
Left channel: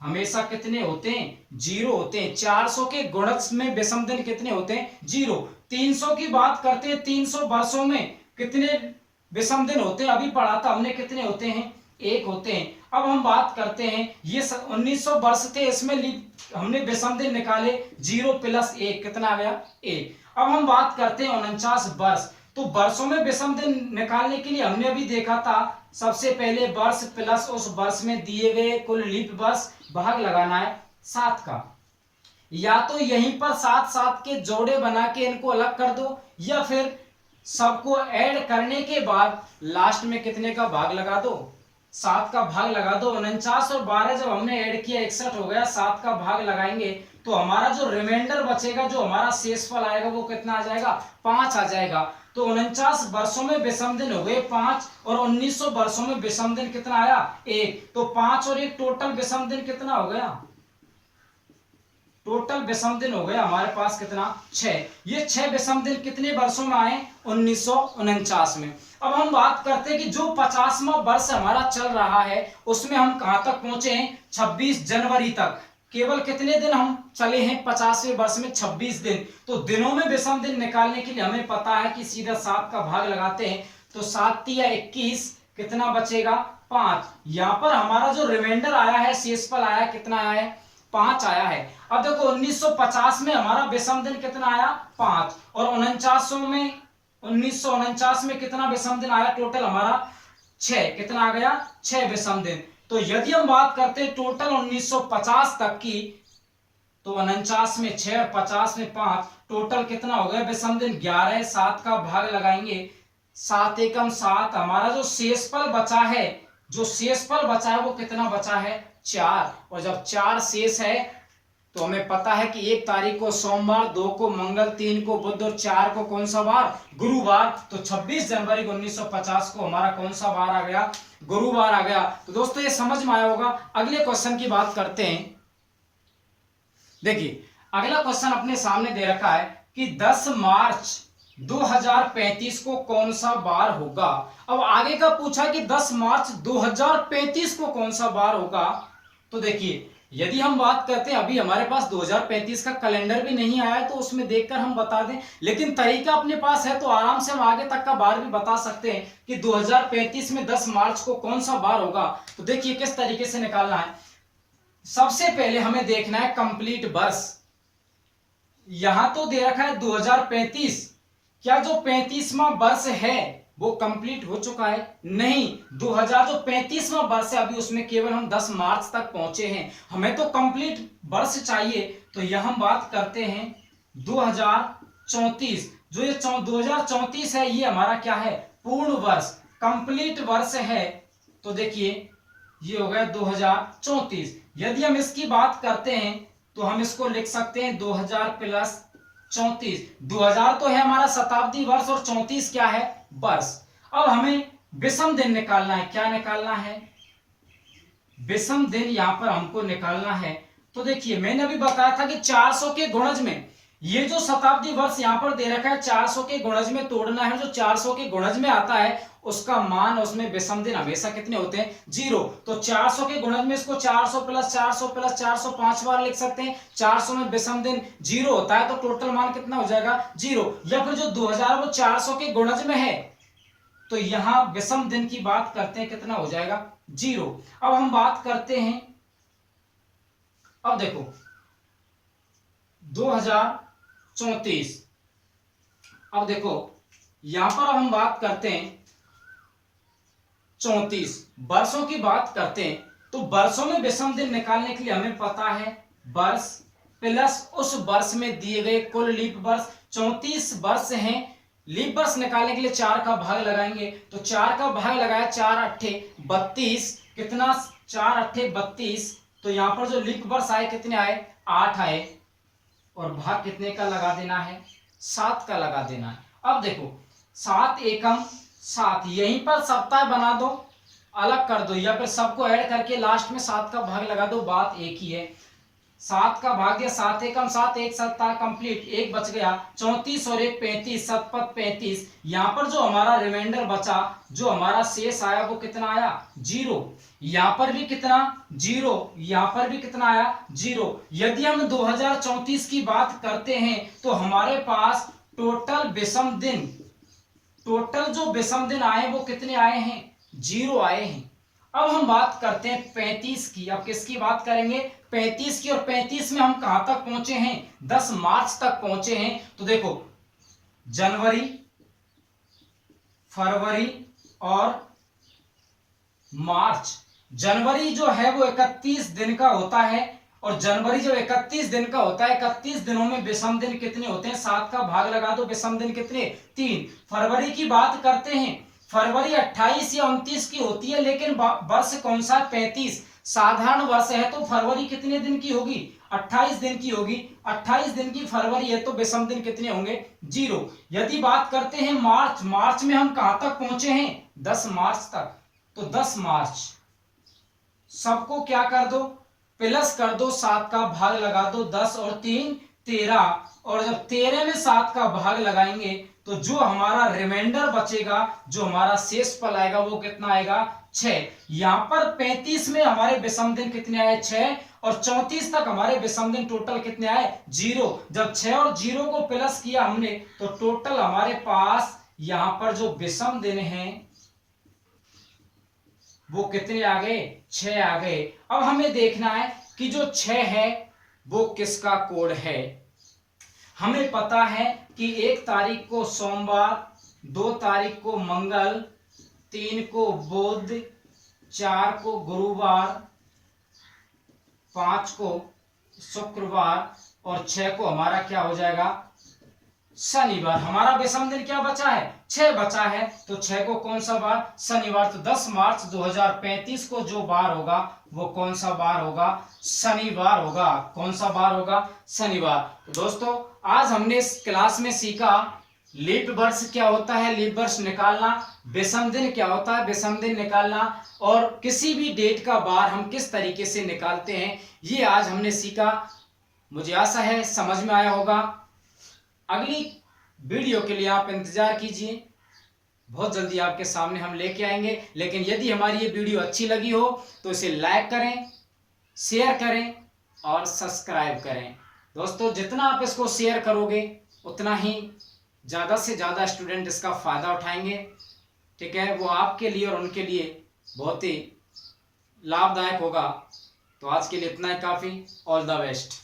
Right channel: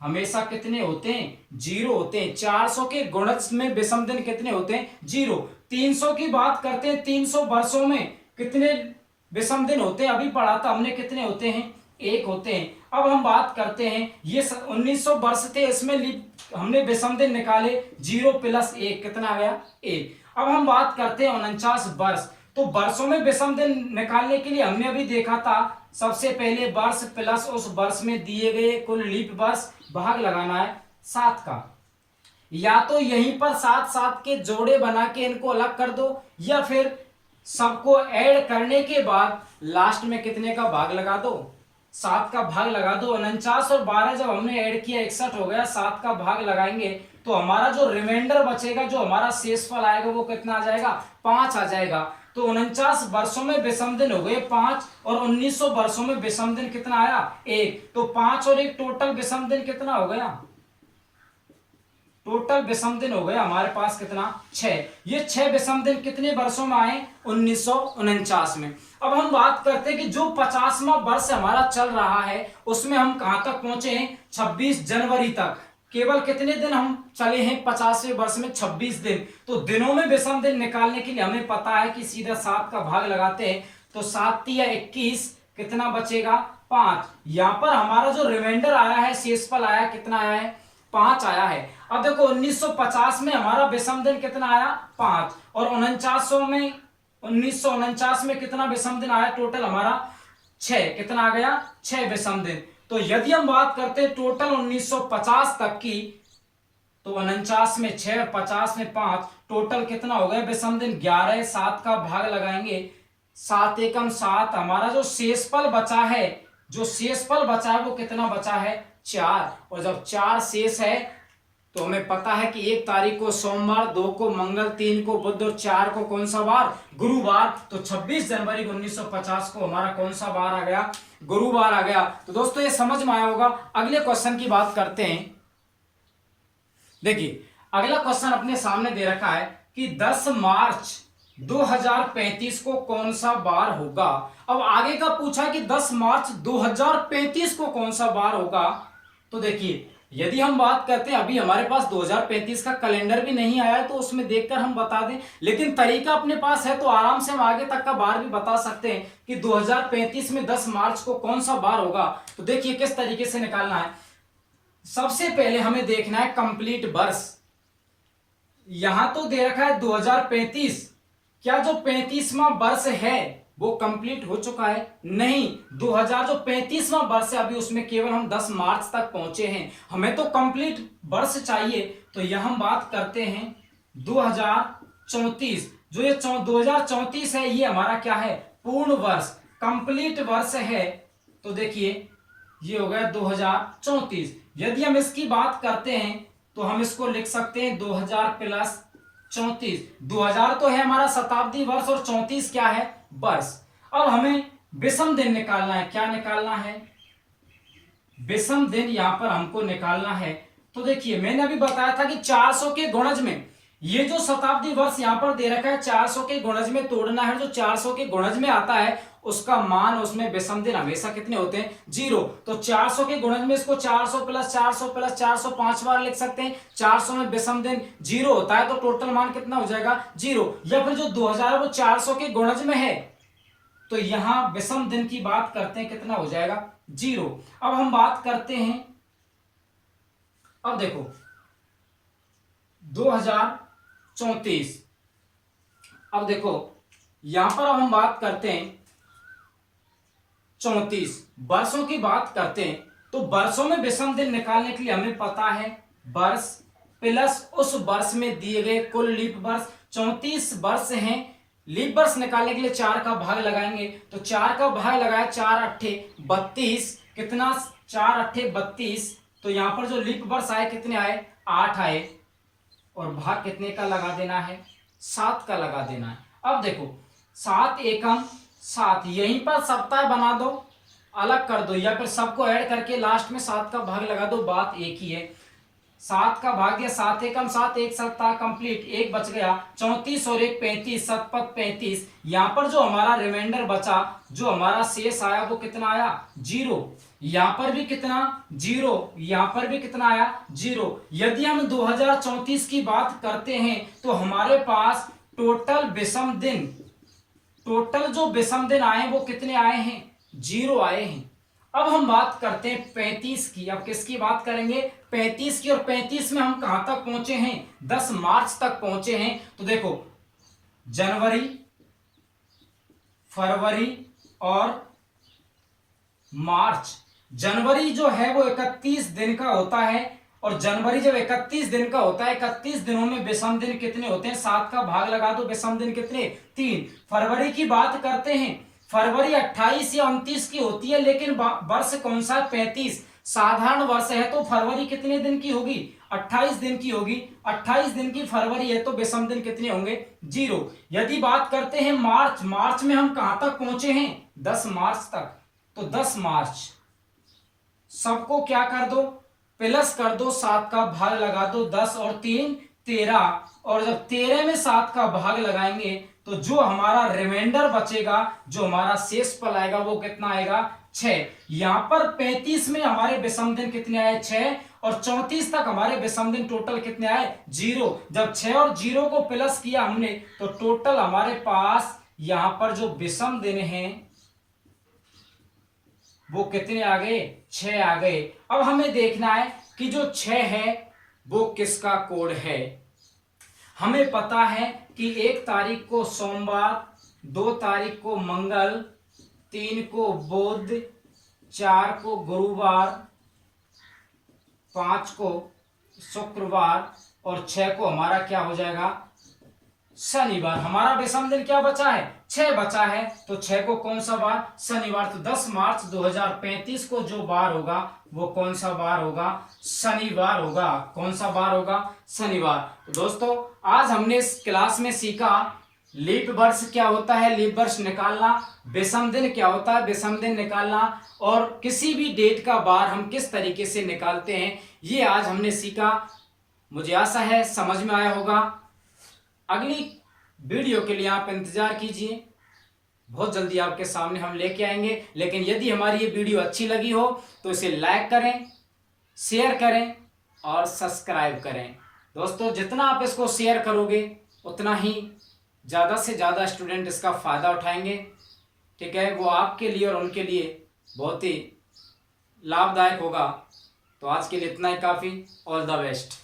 हमेशा कितने होते हैं? 0 होते हैं। 400 के गुणज में विषम दिन कितने होते हैं? 0। 300 की बात करते हैं, 300 वर्षों में कितने विषम दिन होते हैं? अभी पढ़ा था हमने, कितने होते हैं? 1 होते हैं। अब हम बात करते हैं, ये 1900 वर्ष थे, इसमें हमने विषम दिन निकाले 0 प्लस 1 कितना आ गया? 1। अब हम बात करते हैं 49 वर्ष। तो वर्षों में विषम दिन निकालने के लिए हमने अभी देखा था, सबसे पहले वर्ष प्लस उस वर्ष में दिए गए कुल लीप वर्ष भाग लगाना है 7 का। या तो यहीं पर 7 के जोड़े बना के इनको अलग कर दो, या फिर सबको ऐड करने के बाद लास्ट में कितने का भाग लगा दो? 7 का भाग लगा दो। 49 और 12 जब हमने ऐड किया 61 हो गया। 7 का भाग लगाएंगे तो हमारा जो रिमाइंडर बचेगा, जो हमारा शेषफल आएगा वो कितना आ जाएगा? 5 आ जाएगा। तो 49 वर्षों में विषम दिन हो गए 5, और 1900 वर्षों में विषम दिन कितना आया? 1। तो 5 और 1 टोटल विषम दिन कितना हो गया? टोटल विषम दिन हो गया हमारे पास कितना? 6। ये 6 विषम दिन कितने वर्षों में आए? 1949 में। अब हम बात करते हैं कि जो 50वां वर्ष हमारा चल रहा है उसमें हम कहां तक पहुंचे हैं? 26 जनवरी तक। केवल कितने दिन हम चले हैं 50वें वर्ष में? 26 दिन। तो दिनों में विषम दिन निकालने के लिए हमें पता है कि सीधा 7 का भाग लगाते हैं तो 7 या 21 कितना बचेगा? 5। यहां पर हमारा जो रिमाइंडर आया है, शेषफल आया, कितना आया है? 5 आया है। अब देखो 1950 में हमारा विषम दिन कितना आया? 5। और 1949 में कितना विषम दिन आया? टोटल हमारा 6। कितना आ गया? 6 विषम दिन। तो यदि हम बात करते हैं टोटल 1950 तक की, तो 49 में 6, 50 में 5, टोटल कितना हो गया विषम दिन? 11। 7 का भाग लगाएंगे, 7 एकम 7। हमारा जो शेषफल बचा है, वो कितना बचा है? 4। और जब 4 शेष है तो हमें पता है कि 1 तारीख को सोमवार, 2 को मंगल, 3 को बुध और 4 को कौन सा बार? गुरुवार। तो 26 जनवरी 1950 को हमारा कौन सा बार आ गया? गुरुवार आ गया। तो दोस्तों ये समझ में आया होगा। अगले क्वेश्चन की बात करते हैं। देखिए अगला क्वेश्चन अपने सामने दे रखा है कि 10 मार्च 2035 को कौन सा बार होगा। अब आगे का पूछा कि 10 मार्च 2035 को कौन सा बार होगा। तो देखिए यदि हम बात करते हैं, अभी हमारे पास 2035 का कैलेंडर भी नहीं आया है तो उसमें देखकर हम बता दें, लेकिन तरीका अपने पास है तो आराम से हम आगे तक का बार भी बता सकते हैं कि 2035 में 10 मार्च को कौन सा बार होगा। तो देखिए किस तरीके से निकालना है। सबसे पहले हमें देखना है कंप्लीट वर्ष। यहां तो दे रखा है 2035, क्या जो 35वां वर्ष है वो कंप्लीट हो चुका है? नहीं, 2000 जो 35वां वर्ष है अभी उसमें केवल हम 10 मार्च तक पहुंचे हैं, हमें तो कंप्लीट वर्ष चाहिए। तो यह हम बात करते हैं 2034। जो ये 2034 है ये हमारा क्या है? पूर्ण वर्ष, कंप्लीट वर्ष है। तो देखिए ये हो गया 2034। यदि हम इसकी बात करते हैं तो हम इसको लिख सकते हैं 2000 प्लस 34। 2000 तो है हमारा शताब्दी वर्ष और 34 क्या है? वर्ष। अब हमें विषम दिन निकालना है। क्या निकालना है? विषम दिन यहां पर हमको निकालना है। तो देखिए मैंने अभी बताया था कि 400 के गुणज में ये जो शताब्दी वर्ष यहां पर दे रखा है 400 के गुणज में तोड़ना है। जो 400 के गुणज में आता है उसका मान, उसमें विषम दिन हमेशा कितने होते हैं? 0। तो 400 के गुणज में इसको 400 प्लस 400 प्लस 400 5 बार लिख सकते हैं। 400 में विषम दिन 0 होता है तो टोटल मान कितना हो जाएगा? 0। या फिर जो 2000 वो 400 के गुणज में है तो यहां विषम दिन की बात करते हैं, कितना हो जाएगा? 0। अब हम बात करते हैं, अब देखो 2034। अब देखो यहां पर अब हम बात करते हैं 34 वर्षों की बात करते हैं। तो वर्षों में विषम दिन निकालने के लिए हमें पता है वर्ष प्लस उस वर्ष में दिए गए कुल लीप वर्ष। 34 वर्ष हैं, लीप वर्ष निकालने के लिए 4 का भाग लगाएंगे। तो 4 का भाग लगाया, 4 अट्ठे 32, कितना? 4 अट्ठे 32। तो यहां पर जो लीप वर्ष आए कितने आए? 8 आए। और भाग कितने का लगा देना है? 7 का लगा देना है। अब देखो 7 एकम 7, यहीं पर सप्ताह बना दो, अलग कर दो, या फिर सबको ऐड करके लास्ट में 7 का भाग लगा दो, बात एक ही है। 7 का भाग दिया, 7 एकम 7, एक सप्ताह कंप्लीट, एक बच गया। 34 और एक 35, शतपथ 35। यहां पर जो हमारा रिमाइंडर बचा, जो हमारा शेष आया वो कितना आया? 0। यहां पर भी कितना? 0। यहां पर भी कितना आया? 0। यदि हम 2034 की बात करते हैं तो हमारे पास टोटल विषम दिन, टोटल जो विषम दिन आए वो कितने आए हैं? 0 आए हैं। अब हम बात करते हैं 35 की। अब किसकी बात करेंगे? 35 की। और 35 में हम कहां तक पहुंचे हैं? 10 मार्च तक पहुंचे हैं। तो देखो जनवरी, फरवरी और मार्च। जनवरी जो है वो 31 दिन का होता है, और जनवरी जब 31 दिन का होता है, 31 दिनों में विषम दिन कितने होते हैं? 7 का भाग लगा दो, विषम दिन कितने? 3। फरवरी की बात करते हैं, फरवरी 28 या 29 की होती है, लेकिन वर्ष कौन सा? 35। साधारण वर्ष है तो फरवरी कितने दिन की होगी? 28 दिन की होगी। 28 दिन की फरवरी है तो विषम दिन कितने होंगे? 0। यदि बात करते हैं मार्च, मार्च में हम कहां तक पहुंचे हैं? 10 मार्च तक। तो 10 मार्च, सबको क्या कर दो? प्लस कर दो, 7 का भाग लगा दो, 10 और 3 13। और जब 13 में 7 का भाग लगाएंगे तो जो हमारा रिमाइंडर बचेगा, जो हमारा शेष पल आएगा वो कितना आएगा? 6। यहां पर 35 में हमारे विषम दिन कितने आए? 6। और 34 तक हमारे विषम दिन टोटल कितने आए? 0। जब 6 और 0 को प्लस किया हमने तो टोटल हमारे पास यहां पर जो विषम दिन है वो कितने आ गए? 6 आ गए। अब हमें देखना है कि जो 6 है वो किसका कोड है। हमें पता है कि 1 तारीख को सोमवार, 2 तारीख को मंगल, 3 को बुध, 4 को गुरुवार, 5 को शुक्रवार और 6 को हमारा क्या हो जाएगा? शनिवार। हमारा विषम दिन क्या बचा है? 6 बचा है। तो 6 को कौन सा बार? शनिवार। तो 10 मार्च 2035 को जो बार होगा वो कौन सा बार होगा? शनिवार होगा। कौन सा बार होगा? शनिवार। तो दोस्तों आज हमने इस क्लास में सीखा लीप वर्ष क्या होता है, लीप वर्ष निकालना, विषम दिन क्या होता है, विषम दिन निकालना, और किसी भी डेट का बार हम किस तरीके से निकालते हैं, ये आज हमने सीखा। मुझे आशा है समझ में आया होगा। अगली वीडियो के लिए आप इंतजार कीजिए, बहुत जल्दी आपके सामने हम लेके आएंगे। लेकिन यदि हमारी ये वीडियो अच्छी लगी हो तो इसे लाइक करें, शेयर करें और सब्सक्राइब करें। दोस्तों जितना आप इसको शेयर करोगे उतना ही ज़्यादा से ज़्यादा स्टूडेंट इसका फ़ायदा उठाएंगे। ठीक है, वो आपके लिए और उनके लिए बहुत ही लाभदायक होगा। तो आज के लिए इतना ही काफ़ी। All the best.